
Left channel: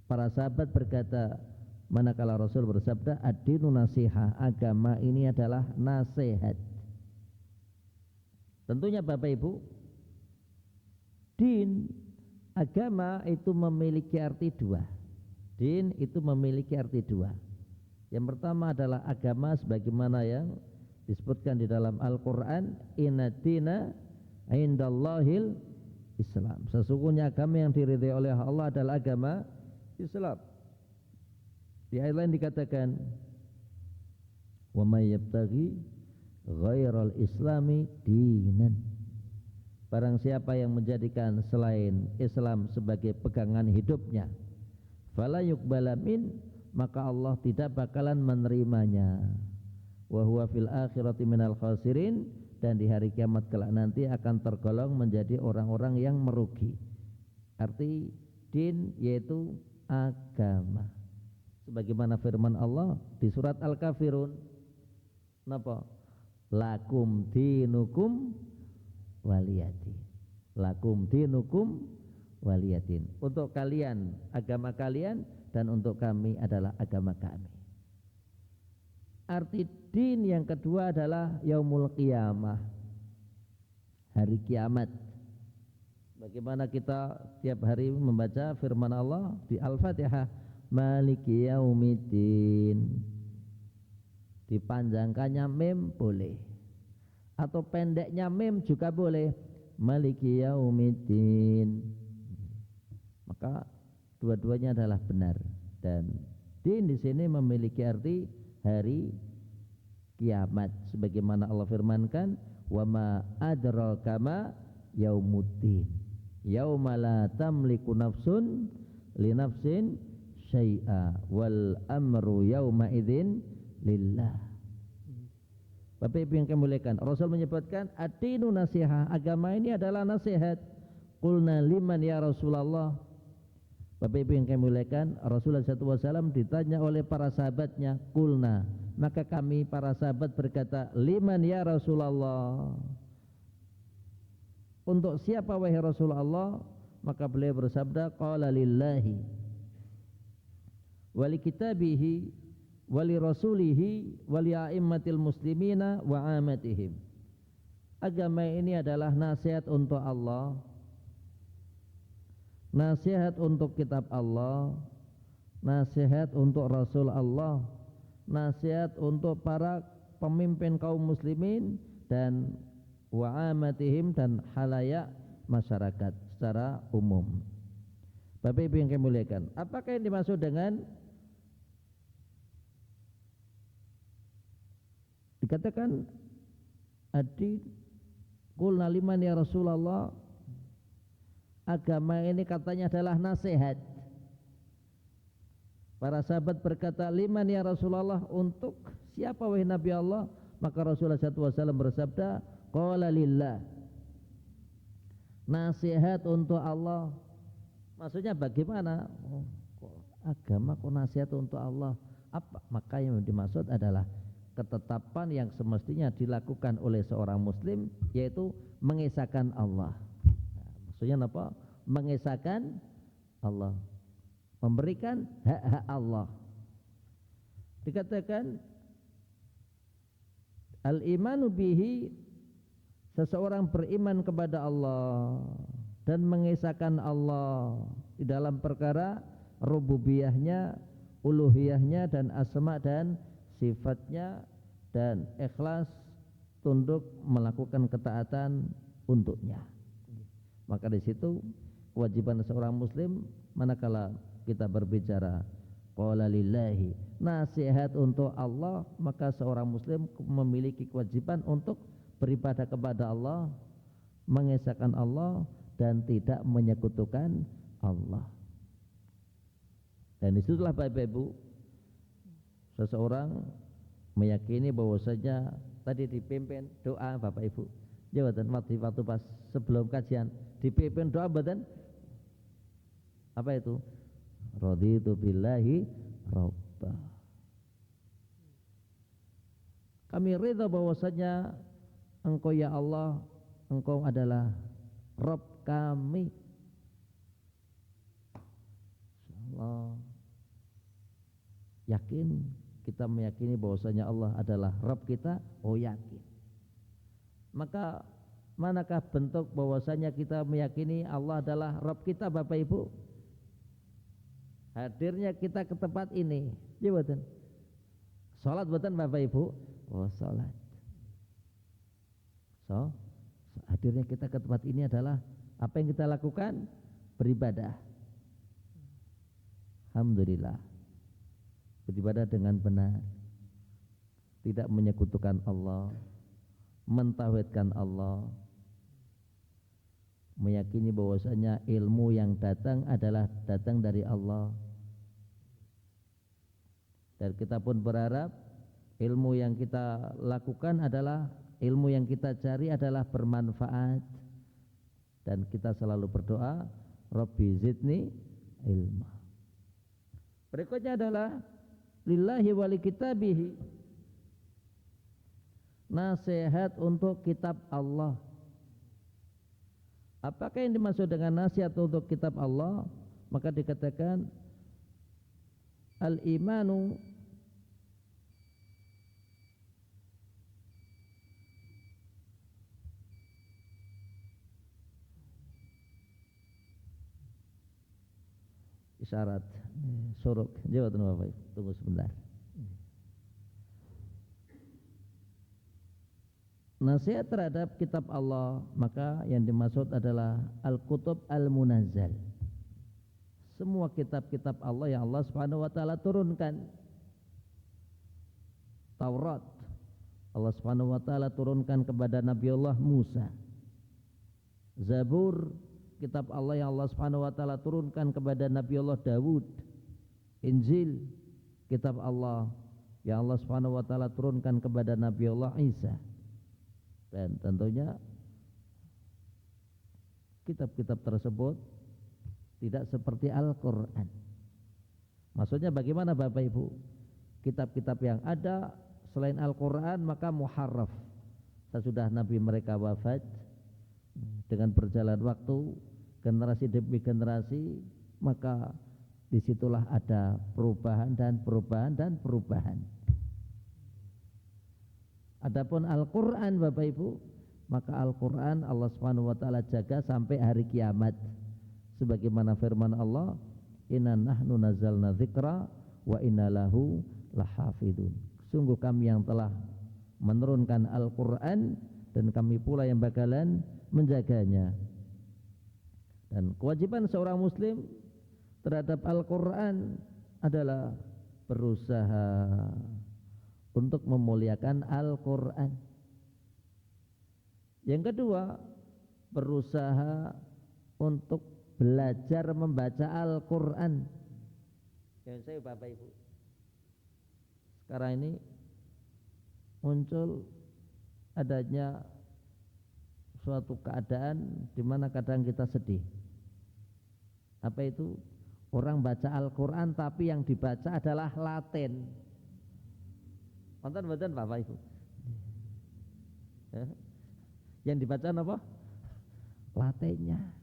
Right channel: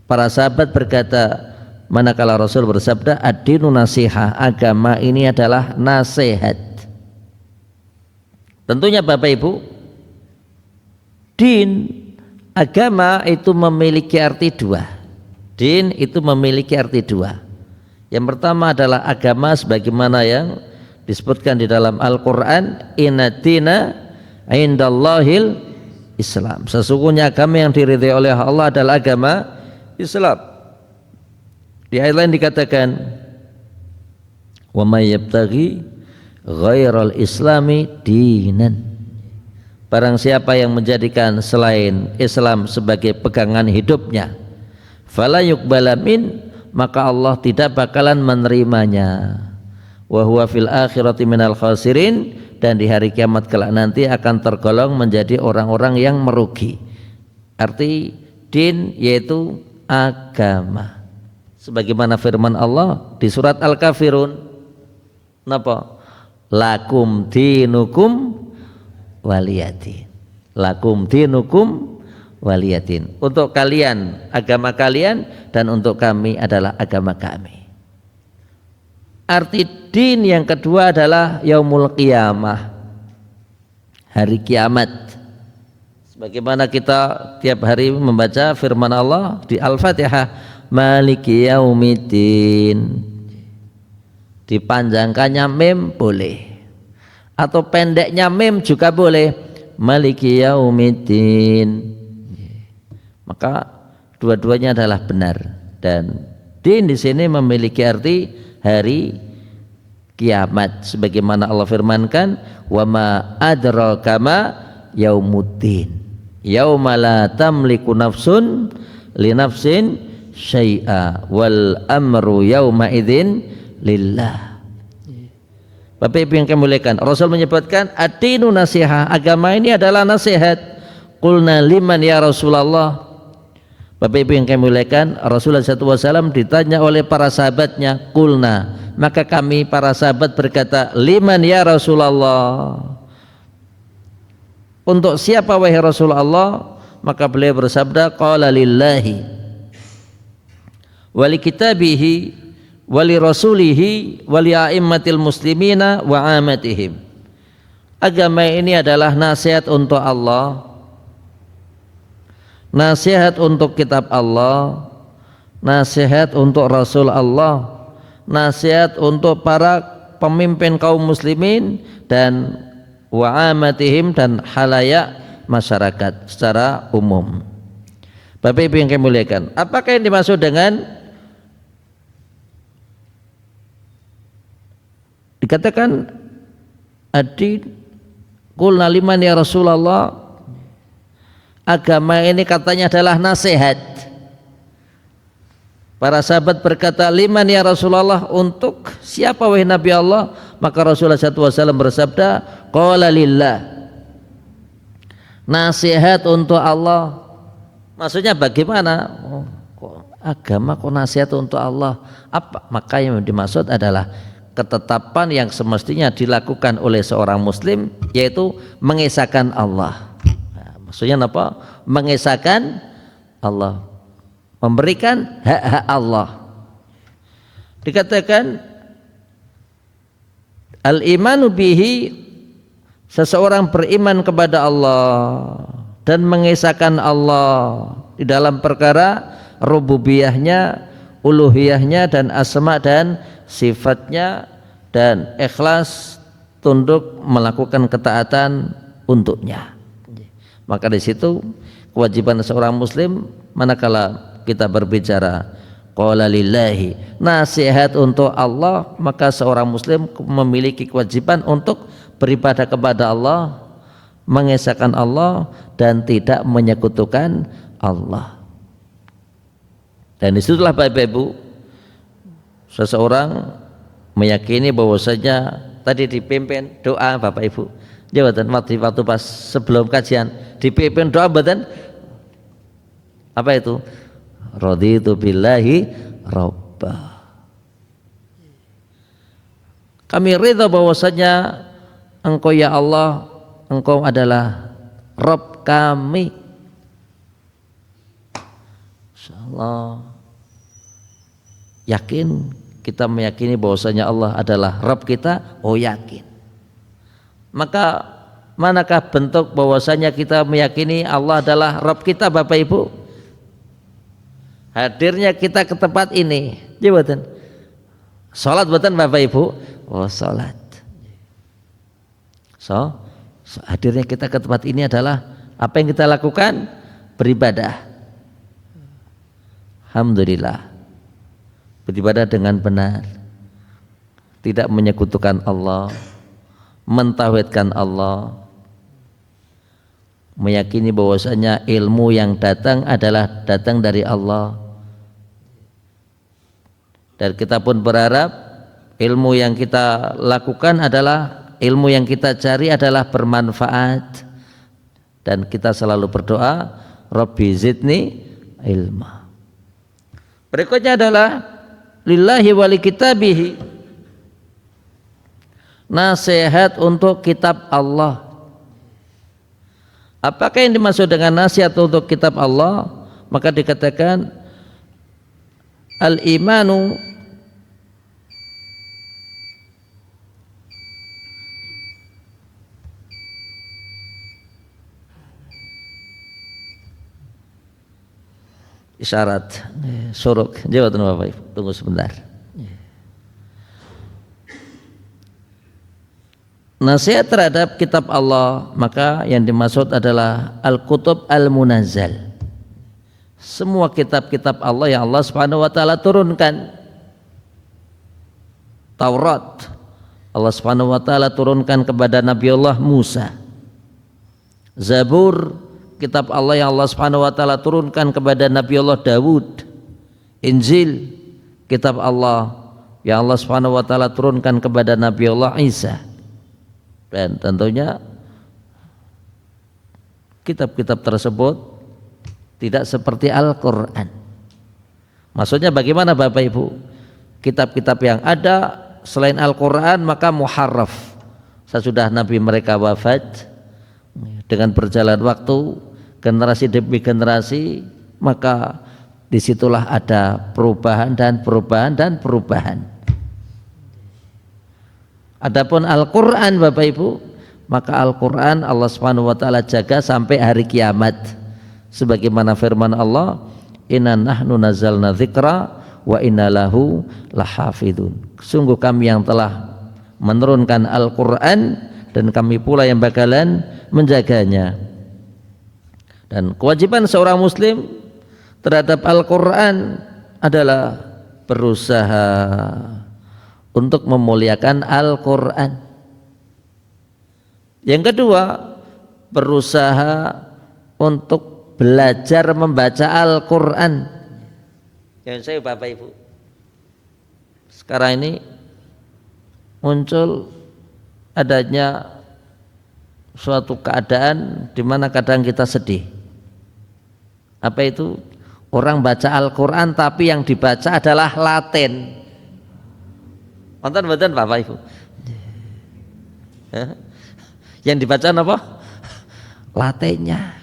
para sahabat berkata, manakala Rasul bersabda, ad-dinu nasihah, agama ini adalah nasihat. Tentunya Bapak Ibu, din, agama itu memiliki arti dua. Din itu memiliki arti dua. Yang pertama adalah agama sebagaimana yang disebutkan di dalam Al-Quran, inna dina indallahil Islam. Sesungguhnya agama yang diridhai oleh Allah adalah agama Islam. Di ayat lain dikatakan, wa may yabtaghi ghairal islami dinan. Barang siapa yang menjadikan selain Islam sebagai pegangan hidupnya, fala yuqbala min, maka Allah tidak bakalan menerimanya. Wa huwa fil akhirati minal khasirin, dan di hari kiamat kelak nanti akan tergolong menjadi orang-orang yang merugi. Arti din yaitu agama. Sebagaimana firman Allah di surat Al-Kafirun, napa? Lakum dinukum waliyadin. Lakum dinukum waliyadin. Untuk kalian agama kalian dan untuk kami adalah agama kami. Arti din yang kedua adalah yaumul qiyamah, hari kiamat. Sebagaimana kita tiap hari membaca firman Allah di Al-Fatihah, Maliki yaumiddin. Dipanjangkannya mim boleh, atau pendeknya mim juga boleh, Maliki yaumiddin. Maka dua-duanya adalah benar, dan din di sini memiliki arti hari kiamat sebagaimana Allah firmankan, wa ma adraka ma yaumuddin yauma la tamliku nafsun li nafsin syai'a wal amru yauma idzin lillah. Bapak Ibu yang kami muliakan, Rasul menyebutkan ad-dinu nasihah, agama ini adalah nasihat. Qulna liman ya Rasulullah. Bapak Ibu yang kami muliakan, Rasulullah SAW ditanya oleh para sahabatnya, qulna, maka kami para sahabat berkata, liman ya Rasulullah, untuk siapa wahai Rasulullah? Maka beliau bersabda, qala lillahi wali kitabihi wali rasulihi wali a'immatil muslimina wa amatihim. Agama ini adalah nasihat untuk Allah, nasihat untuk kitab Allah, nasihat untuk Rasul Allah, nasihat untuk para pemimpin kaum muslimin, dan wa amatihim, dan halayak masyarakat secara umum. Bapak Ibu yang kami muliakan, apakah yang dimaksud dengan dikatakan adi qulna liman ya Rasulullah? Agama ini katanya adalah nasihat. Para sahabat berkata, liman ya Rasulullah, untuk siapa wahai Nabi Allah? Maka Rasulullah SAW bersabda, qala lillah, nasihat untuk Allah. Maksudnya bagaimana? Agama kok nasihat untuk Allah? Apa? Maka yang dimaksud adalah ketetapan yang semestinya dilakukan oleh seorang muslim, yaitu mengesahkan Allah. Nah, maksudnya apa? Mengesahkan Allah, memberikan hak-hak Allah. Dikatakan al-imanu bihi, seseorang beriman kepada Allah dan mengesahkan Allah di dalam perkara rububiyahnya, uluhiyahnya, dan asma dan sifatnya, dan ikhlas tunduk melakukan ketaatan untuknya. Maka di situ kewajiban seorang muslim manakala kita berbicara qala lillahi, nasihat untuk Allah, maka seorang muslim memiliki kewajiban untuk beribadah kepada Allah, mengesahkan Allah, dan tidak menyekutukan Allah. Dan disitulah Bapak Ibu, seseorang meyakini bahwasanya tadi dipimpin doa Bapak Ibu, jawatan waktu pas sebelum kajian dipimpin doa, badan apa itu? Raditu billahi rabba. Kami ridha bahwasanya Engkau ya Allah, Engkau adalah Rabb kami. Insyaallah yakin, kita meyakini bahwasanya Allah adalah Rabb kita, yakin. Maka manakah bentuk bahwasanya kita meyakini Allah adalah Rabb kita Bapak Ibu? Hadirnya kita ke tempat ini, jabatan salat buatan Bapak Ibu, salat. So, hadirnya kita ke tempat ini adalah apa yang kita lakukan? Beribadah. Alhamdulillah, beribadah dengan benar, tidak menyekutukan Allah, mentauhidkan Allah, meyakini bahwasanya ilmu yang datang adalah datang dari Allah. Dan kita pun berharap ilmu yang kita lakukan adalah ilmu yang kita cari adalah bermanfaat. Dan kita selalu berdoa, Rabbi zidni ilma. Berikutnya adalah lillahi wali kitabihi, nasihat untuk kitab Allah. Apakah yang dimaksud dengan nasihat untuk kitab Allah? Maka dikatakan al-imanu isyarat suruk. Jawab Bapak Ibu, tunggu sebentar. Nasihat terhadap kitab Allah, maka yang dimaksud adalah al-kutub al-munazzal. Semua kitab-kitab Allah yang Allah Subhanahu wa taala turunkan. Taurat Allah Subhanahu wa taala turunkan kepada Nabi Allah Musa. Zabur kitab Allah yang Allah Subhanahu wa taala turunkan kepada Nabi Allah Dawud. Injil kitab Allah yang Allah Subhanahu wa taala turunkan kepada Nabi Allah Isa. Dan tentunya kitab-kitab tersebut tidak seperti Al-Quran. Maksudnya bagaimana Bapak Ibu? Kitab-kitab yang ada selain Al-Quran maka muharraf. Sesudah Nabi mereka wafat, dengan berjalan waktu, generasi demi generasi, maka disitulah ada perubahan dan perubahan dan perubahan. Adapun Al-Quran Bapak Ibu, maka Al-Quran Allah Subhanahu wa taala jaga sampai hari kiamat. Sebagaimana firman Allah, inna nahnu nazzalna dzikra wa inna lahu lahafidun. Sungguh kami yang telah menurunkan Al-Quran dan kami pula yang bakalan menjaganya. Dan kewajiban seorang muslim terhadap Al-Quran adalah berusaha untuk memuliakan Al-Quran. Yang kedua, berusaha untuk belajar membaca Al-Quran. Yang saya Bapak Ibu, sekarang ini muncul adanya suatu keadaan di mana kadang kita sedih. Apa itu? Orang baca Al-Quran tapi yang dibaca adalah Latin. Nonton Bapak Ibu. Yang dibaca apa? Latinnya.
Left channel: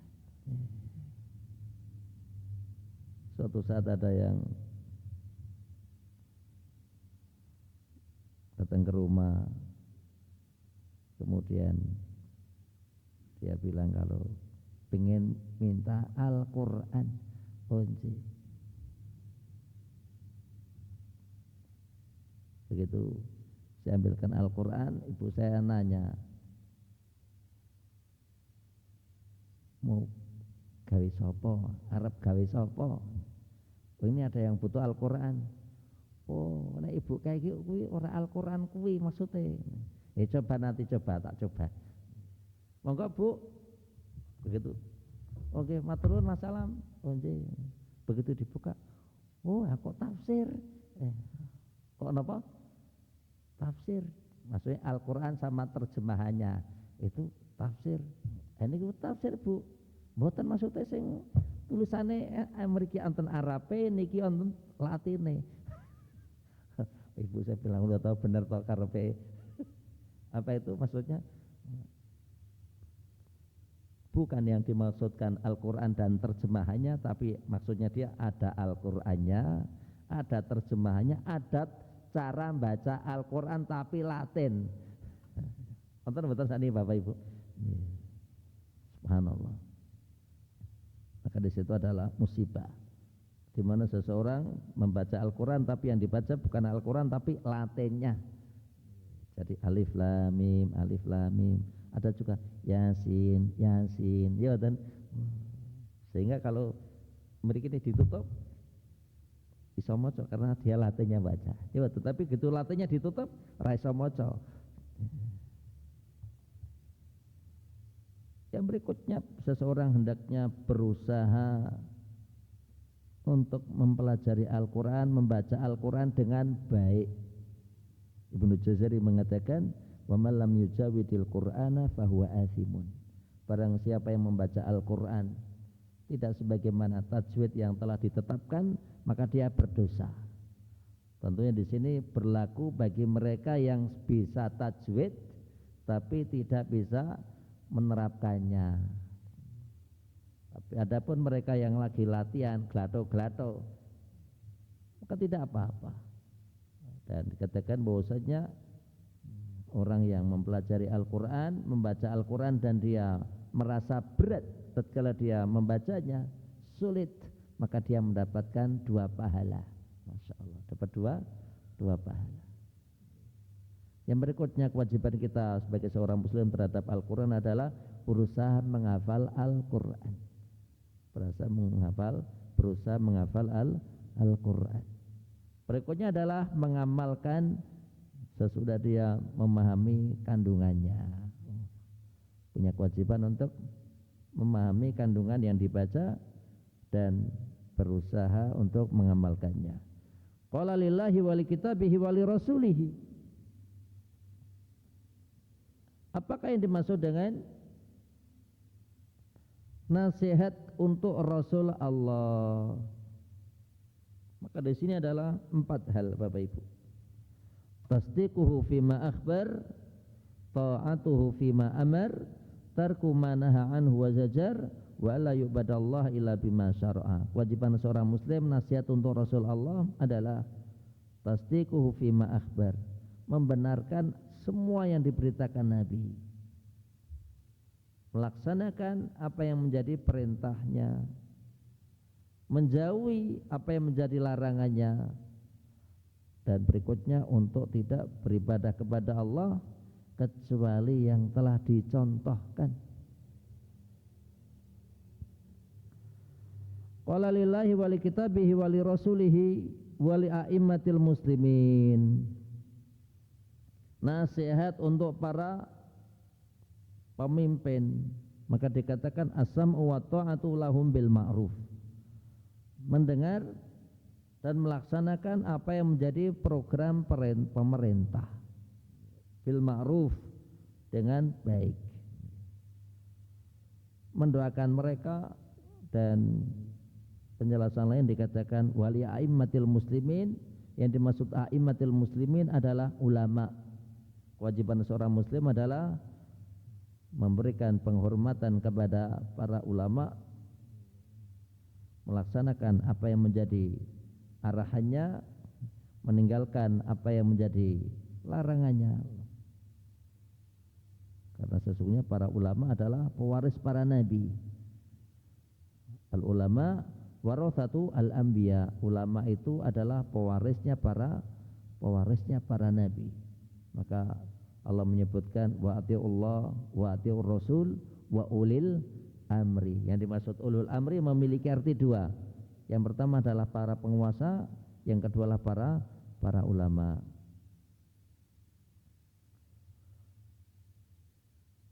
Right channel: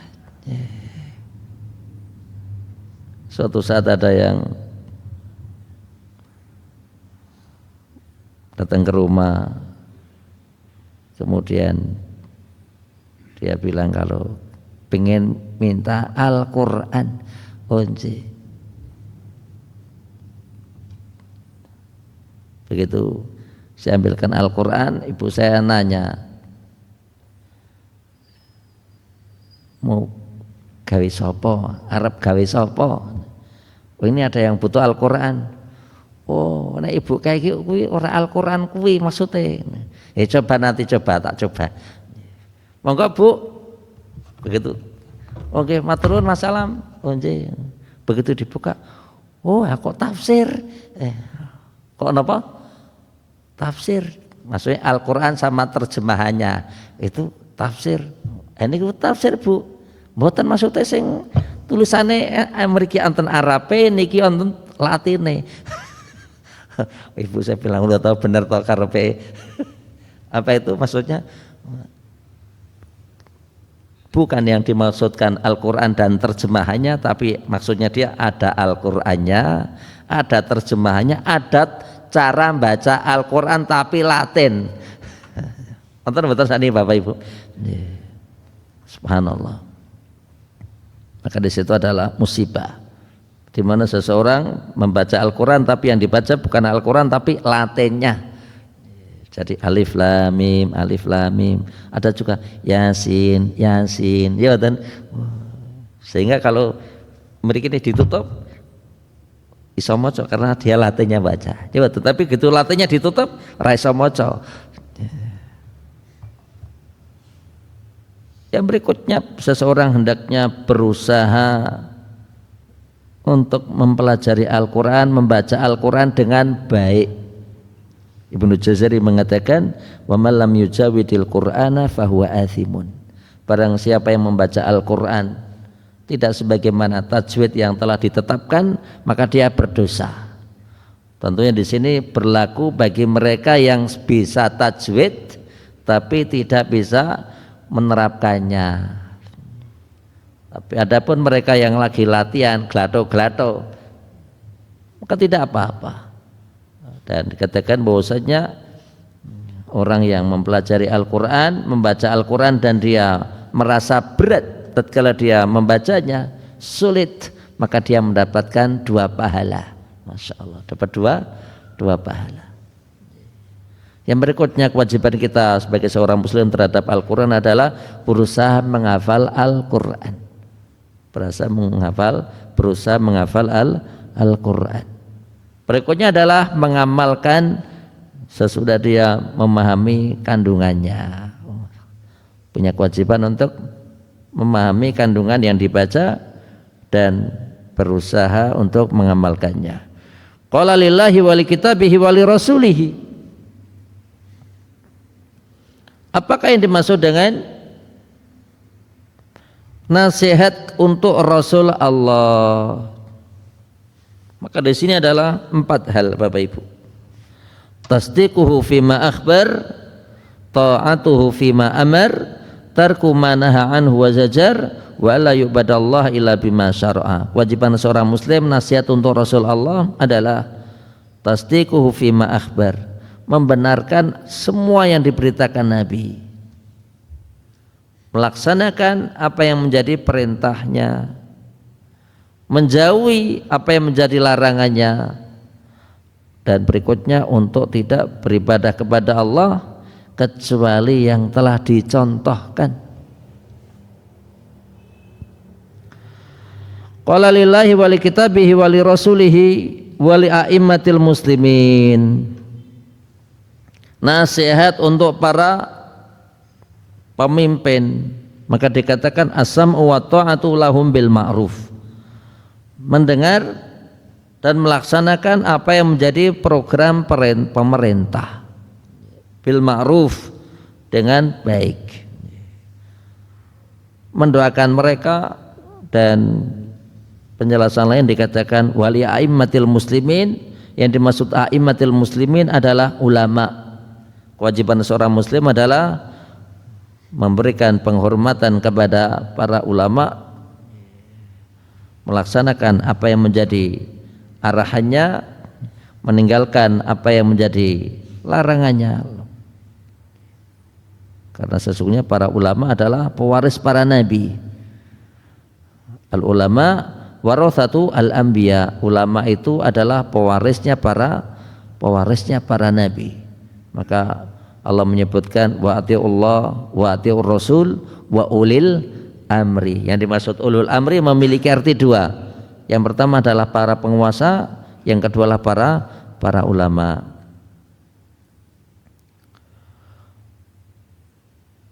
Suatu saat ada yang datang ke rumah, kemudian dia bilang kalau pengen minta Al-Quran, once. Begitu saya ambilkan Al-Quran, ibu saya nanya, mau gawe sopo, Arab gawe sopo? Oh, ini ada yang butuh Al-Quran. Oh, nek ibu kayak gitu kuwi ora Al-Quran kuwi maksudnya. Coba nanti tak coba. Monggo Bu. Begitu. Oke, matur nuwun Mas Salam. Once. Begitu dibuka, oh aku tafsir. Kok napa? Tafsir. Maksudnya Al-Quran sama terjemahannya itu tafsir. Ini tafsir Bu. Mboten maksudnya sing tulisannya mriki wonten Arabe niki wonten Latine. Ibu saya bilang udah tahu benar toh karepe. Apa itu maksudnya? Bukan yang dimaksudkan Al-Quran dan terjemahannya, tapi maksudnya dia ada Al-Qurannya, ada terjemahannya, ada cara baca Al-Quran tapi Latin. Betul sani Bapak Ibu. Subhanallah. Maka di situ adalah musibah, di mana seseorang membaca Al-Quran tapi yang dibaca bukan Al-Quran tapi Latinnya. Jadi alif lam mim, alif lam mim. Ada juga yasin, yasin. Ya dan sehingga kalau mereka ini ditutup iso maca karena dia Latinnya baca. Ya tetapi gitu Latinnya ditutup ra iso maca. Yang berikutnya, seseorang hendaknya berusaha untuk mempelajari Al-Quran, membaca Al-Quran dengan baik. Ibnu Jazari mengatakan, wa man lam yujawidil Qur'ana fahuwa athimun. Barang siapa yang membaca Al-Quran tidak sebagaimana tajwid yang telah ditetapkan, maka dia berdosa. Tentunya di sini berlaku bagi mereka yang bisa tajwid tapi tidak bisa menerapkannya. Tapi adapun mereka yang lagi latihan gelato-gelato, maka tidak apa-apa. Dan dikatakan bahwasanya orang yang mempelajari Al-Quran, membaca Al-Quran dan dia merasa berat tatkala dia membacanya, sulit, maka dia mendapatkan 2 pahala. Masya Allah, dapat dua pahala. Yang berikutnya, kewajiban kita sebagai seorang muslim terhadap Al-Quran adalah berusaha menghafal Al-Quran. Berusaha menghafal Al-Quran. Berikutnya adalah mengamalkan sesudah dia memahami kandungannya. Punya kewajiban untuk memahami kandungan yang dibaca dan berusaha untuk mengamalkannya. Qala lillahi wa li kitabihi wa li rasulihi. Apakah yang dimaksud dengan nasihat untuk Rasul Allah? Maka di sini adalah 4 hal Bapak Ibu. Tasdiquhu fima akhbar, ta'atuhu fima amar, tarku ma naha anhu wa zajar, wa la yu'badallah illa bima syara'a. Kewajiban seorang muslim nasihat untuk Rasul Allah adalah tasdiquhu fima akhbar, membenarkan semua yang diberitakan Nabi, melaksanakan apa yang menjadi perintahnya, menjauhi apa yang menjadi larangannya, dan berikutnya untuk tidak beribadah kepada Allah kecuali yang telah dicontohkan. Qala lillahi wa li kitabihi wa li rasulihi wa li a'immatil muslimin. Nasihat untuk para pemimpin, maka dikatakan as-sam'u wa ta'atu lahum bil ma'ruf. Mendengar dan melaksanakan apa yang menjadi program pemerintah bil ma'ruf, dengan baik, mendoakan mereka. Dan penjelasan lain dikatakan wali a'immatil muslimin, yang dimaksud a'immatil muslimin adalah ulama. Kewajiban seorang muslim adalah memberikan penghormatan kepada para ulama, melaksanakan apa yang menjadi arahannya, meninggalkan apa yang menjadi larangannya. Karena sesungguhnya para ulama adalah pewaris para nabi. Al-ulama warathatu al-anbiya. Ulama itu adalah pewarisnya para nabi. Maka Allah menyebutkan wa atiullah wa atiur rasul wa ulil amri. Yang dimaksud ulul amri memiliki arti 2. Yang pertama adalah para penguasa, yang kedua adalah para ulama.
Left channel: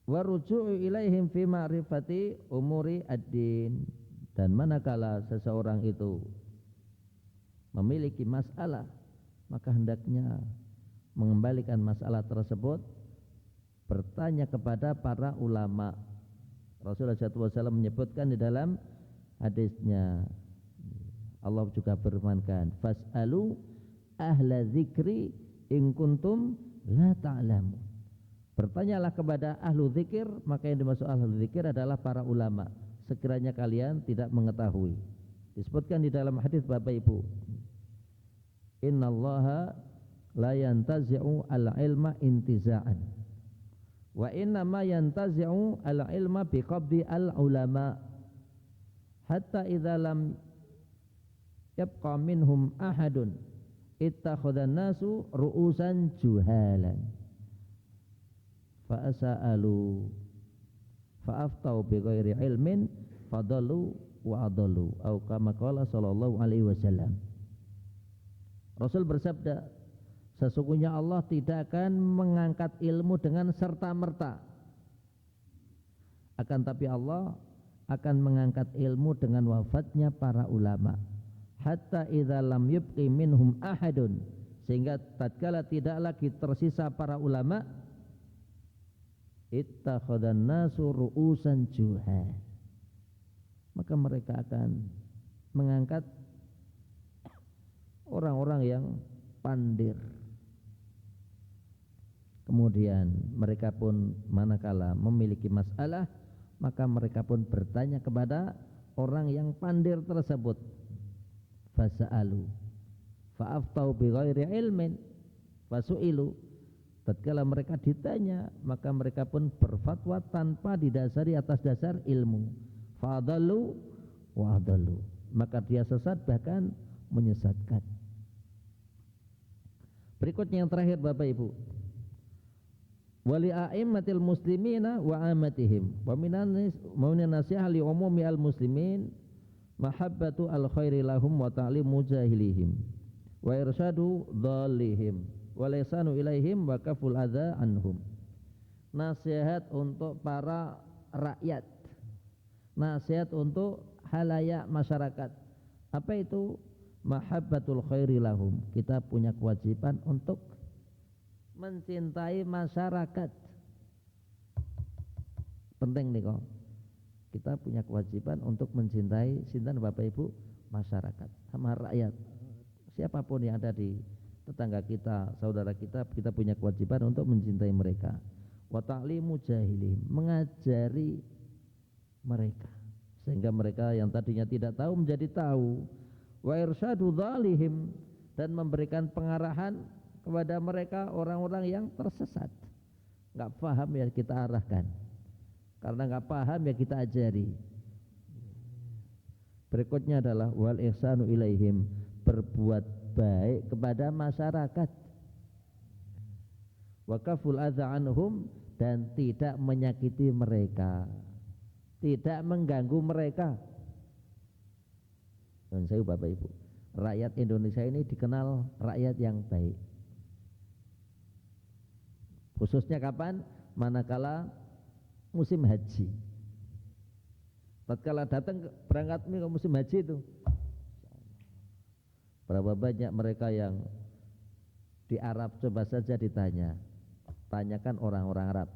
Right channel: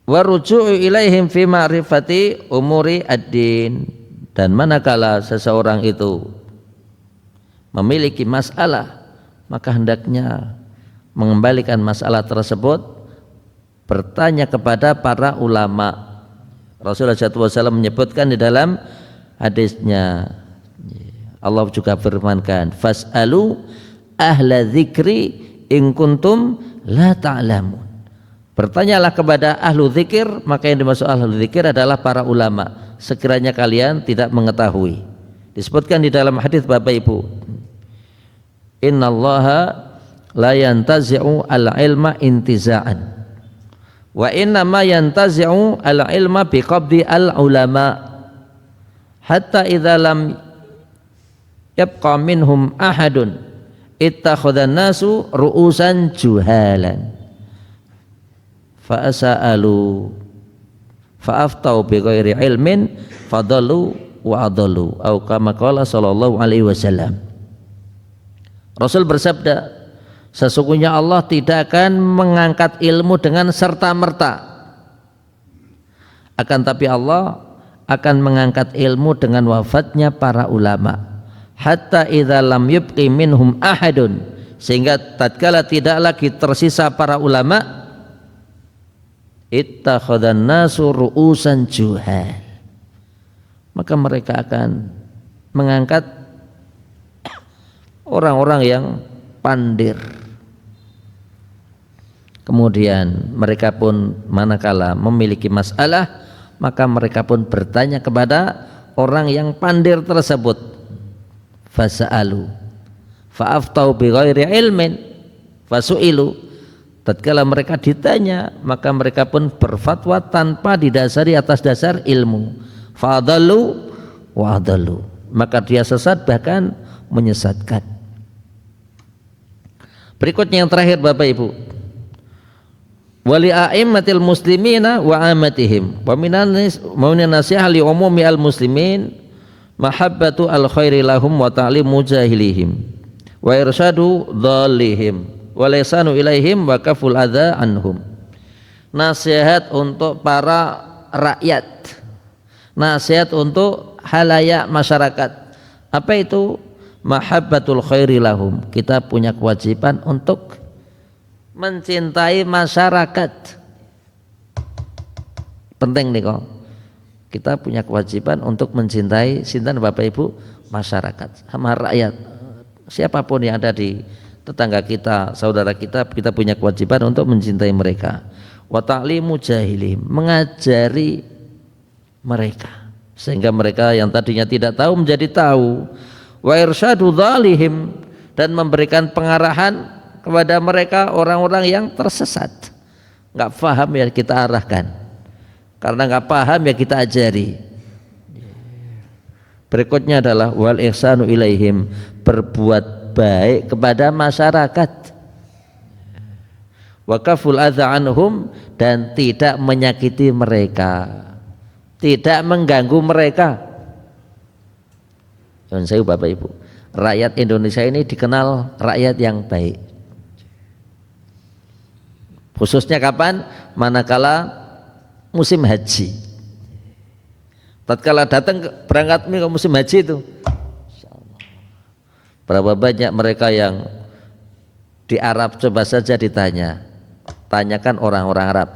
Wa ruju'u ilaihim fi ma'rifati umuri ad-din. Dan manakala seseorang itu memiliki masalah, maka hendaknya mengembalikan masalah tersebut, bertanya kepada para ulama. Rasulullah SAW menyebutkan di dalam hadisnya, Allah juga firmankan, fas'alu ahla dzikri in kuntum la ta'lamun. Bertanyalah kepada ahlu dzikir, maka yang dimaksud ahlu dzikir adalah para ulama, sekiranya kalian tidak mengetahui. Disebutkan di dalam hadis Bapak Ibu, innallaha la yantazi'u al-ilma intiza'an wa inna ma yantazi'u al-ilma biqabdi al-ulama hatta idza lam yabqa minhum ahadun ittakhadhan nasu ru'usan juhalan fa asa'alu fa aftau bighairi ilmin fadallu wa adallu au kama qala sallallahu alaihi wasallam. Rasul bersabda, sesungguhnya Allah tidak akan mengangkat ilmu dengan serta-merta, akan tapi Allah akan mengangkat ilmu dengan wafatnya para ulama. Hatta idza lam yubqi minhum ahadun, sehingga tatkala tidak lagi tersisa para ulama, ittakhadhan nasu ru'usan juhal, maka mereka akan mengangkat orang-orang yang pandir. Kemudian mereka pun manakala memiliki masalah, maka mereka pun bertanya kepada orang yang pandir tersebut. Fasa'alu fa'aftau bighairi ilmin fasu'ilu, tatkala mereka ditanya maka mereka pun berfatwa tanpa didasari atas dasar ilmu. Fa'adallu wa'adallu, maka dia sesat bahkan menyesatkan. Berikutnya yang terakhir Bapak Ibu, wali a'immatil muslimina wa amatihim wa minan nasiha li umumi al muslimin mahabbatu al khairi lahum wa ta'limu jahilihim wa irsyadu dhallihim wa lisanu ilaihim wa kaful adza anhum. Nasihat untuk para rakyat, nasihat untuk halayak masyarakat. Apa itu? Mahabbatul khairi lahum, kita punya kewajiban untuk mencintai masyarakat. Penting nih kok. Kita punya kewajiban untuk mencintai sinten Bapak Ibu, masyarakat, sama rakyat. Siapapun yang ada di tetangga kita, saudara kita, kita punya kewajiban untuk mencintai mereka. Wa ta'limu jahilihim, mengajari mereka sehingga mereka yang tadinya tidak tahu menjadi tahu. Wa irsyadu dzalihim, dan memberikan pengarahan kepada mereka orang-orang yang tersesat. Enggak paham ya kita arahkan, karena enggak paham ya kita ajari. Berikutnya adalah wal ihsanu ilaihim, berbuat baik kepada masyarakat. Wa kaful adza anhum, dan tidak menyakiti mereka, tidak mengganggu mereka. Saya Bapak Ibu, rakyat Indonesia ini dikenal rakyat yang baik. Khususnya kapan? Manakala musim haji. Tatkala datang berangkat ke musim haji itu, berapa banyak mereka yang di Arab, coba saja ditanya, tanyakan orang-orang Arab,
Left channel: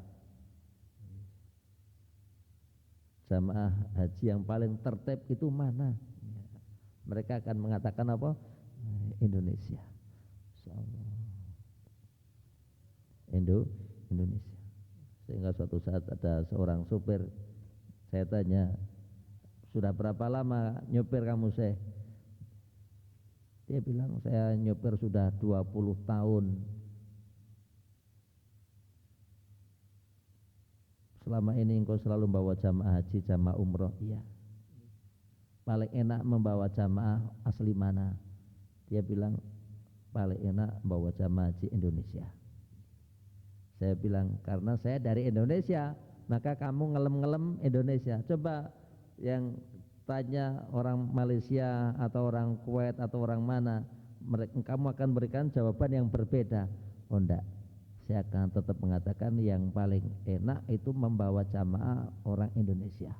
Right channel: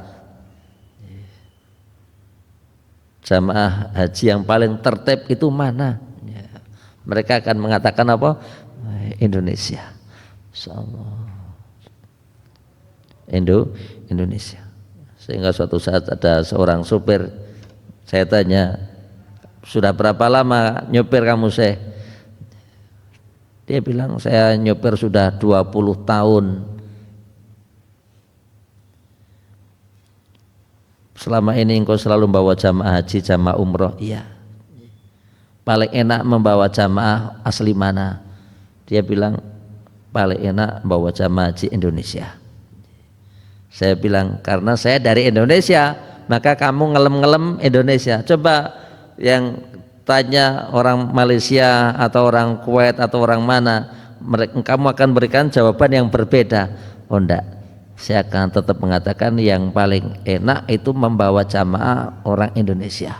jamaah haji yang paling tertib itu mana? Mereka akan mengatakan apa? Indonesia. Insyaallah. Indonesia. Sehingga suatu saat ada seorang supir, saya tanya, sudah berapa lama nyopir kamu Syekh? Dia bilang, saya nyopir sudah 20 tahun. Selama ini engkau selalu membawa jamaah haji, jamaah umroh. Iya. Paling enak membawa jamaah asli mana? Dia bilang paling enak membawa jamaah haji Indonesia. Saya bilang karena saya dari Indonesia, maka kamu ngelem-ngelem Indonesia. Coba yang tanya orang Malaysia atau orang Kuwait atau orang mana, kamu akan berikan jawaban yang berbeda. Oh enggak, saya akan tetap mengatakan yang paling enak itu membawa jamaah orang Indonesia.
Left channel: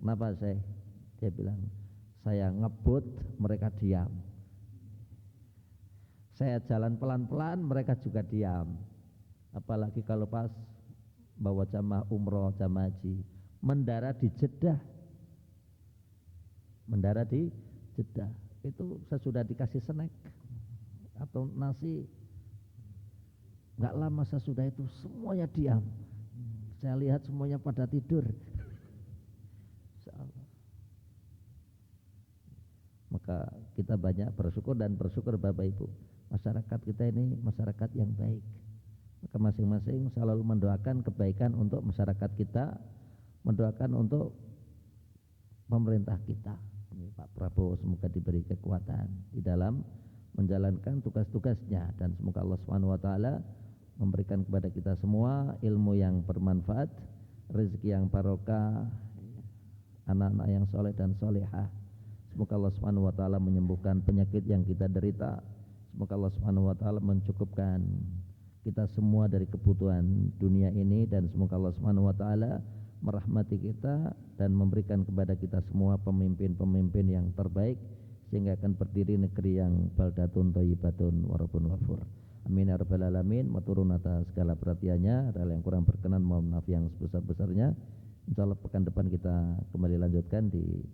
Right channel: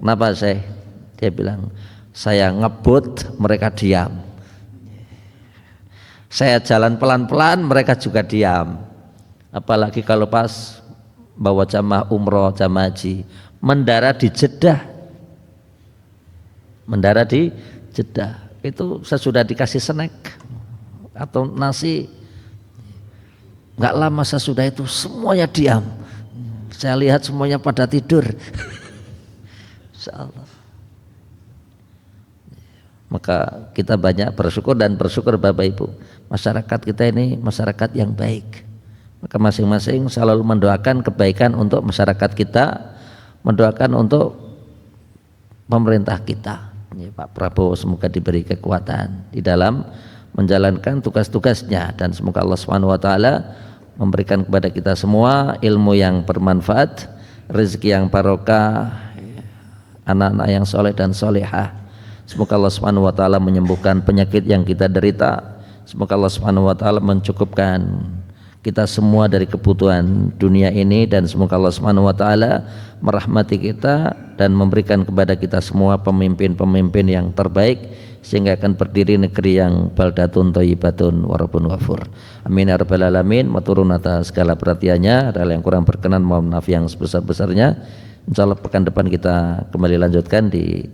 Kenapa saya? Dia bilang, saya ngebut, mereka diam. Saya jalan pelan-pelan, mereka juga diam. Apalagi kalau pas bawa jamaah umroh, jamaah haji, mendarat di Jeddah. Mendarat di Jeddah, itu sesudah dikasih snack atau nasi, nggak lama sesudah itu semuanya diam. Saya lihat semuanya pada tidur. Insyaallah. Maka kita banyak bersyukur dan bersyukur Bapak Ibu, masyarakat kita ini masyarakat yang baik. Maka masing-masing selalu mendoakan kebaikan untuk masyarakat kita, mendoakan untuk pemerintah kita. Ya, Pak Prabowo semoga diberi kekuatan di dalam menjalankan tugas-tugasnya, dan semoga Allah SWT memberikan kepada kita semua ilmu yang bermanfaat, rezeki yang barokah, anak-anak yang soleh dan solehah. Semoga Allah SWT menyembuhkan penyakit yang kita derita. Semoga Allah SWT mencukupkan kita semua dari kebutuhan dunia ini, dan semoga Allah SWT merahmati kita dan memberikan kepada kita semua pemimpin-pemimpin yang terbaik, sehingga akan berdiri negeri yang baldatun thayyibatun wa rabbun ghafur. Amin ya rabbal alamin. Maturun atas segala perhatiannya, ada yang kurang berkenan mohon maaf yang sebesar-besarnya. Insyaallah pekan depan kita kembali lanjutkan di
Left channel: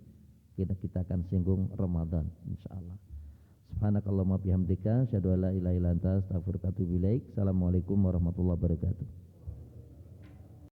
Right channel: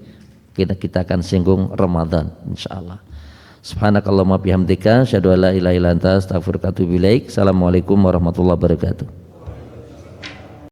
kita akan singgung Ramadan insyaallah. Subhanakallahumma bihamdika asyhadu an la ilaha illa anta astaghfiruka wa atubu ilaik. Assalamualaikum warahmatullahi wabarakatuh.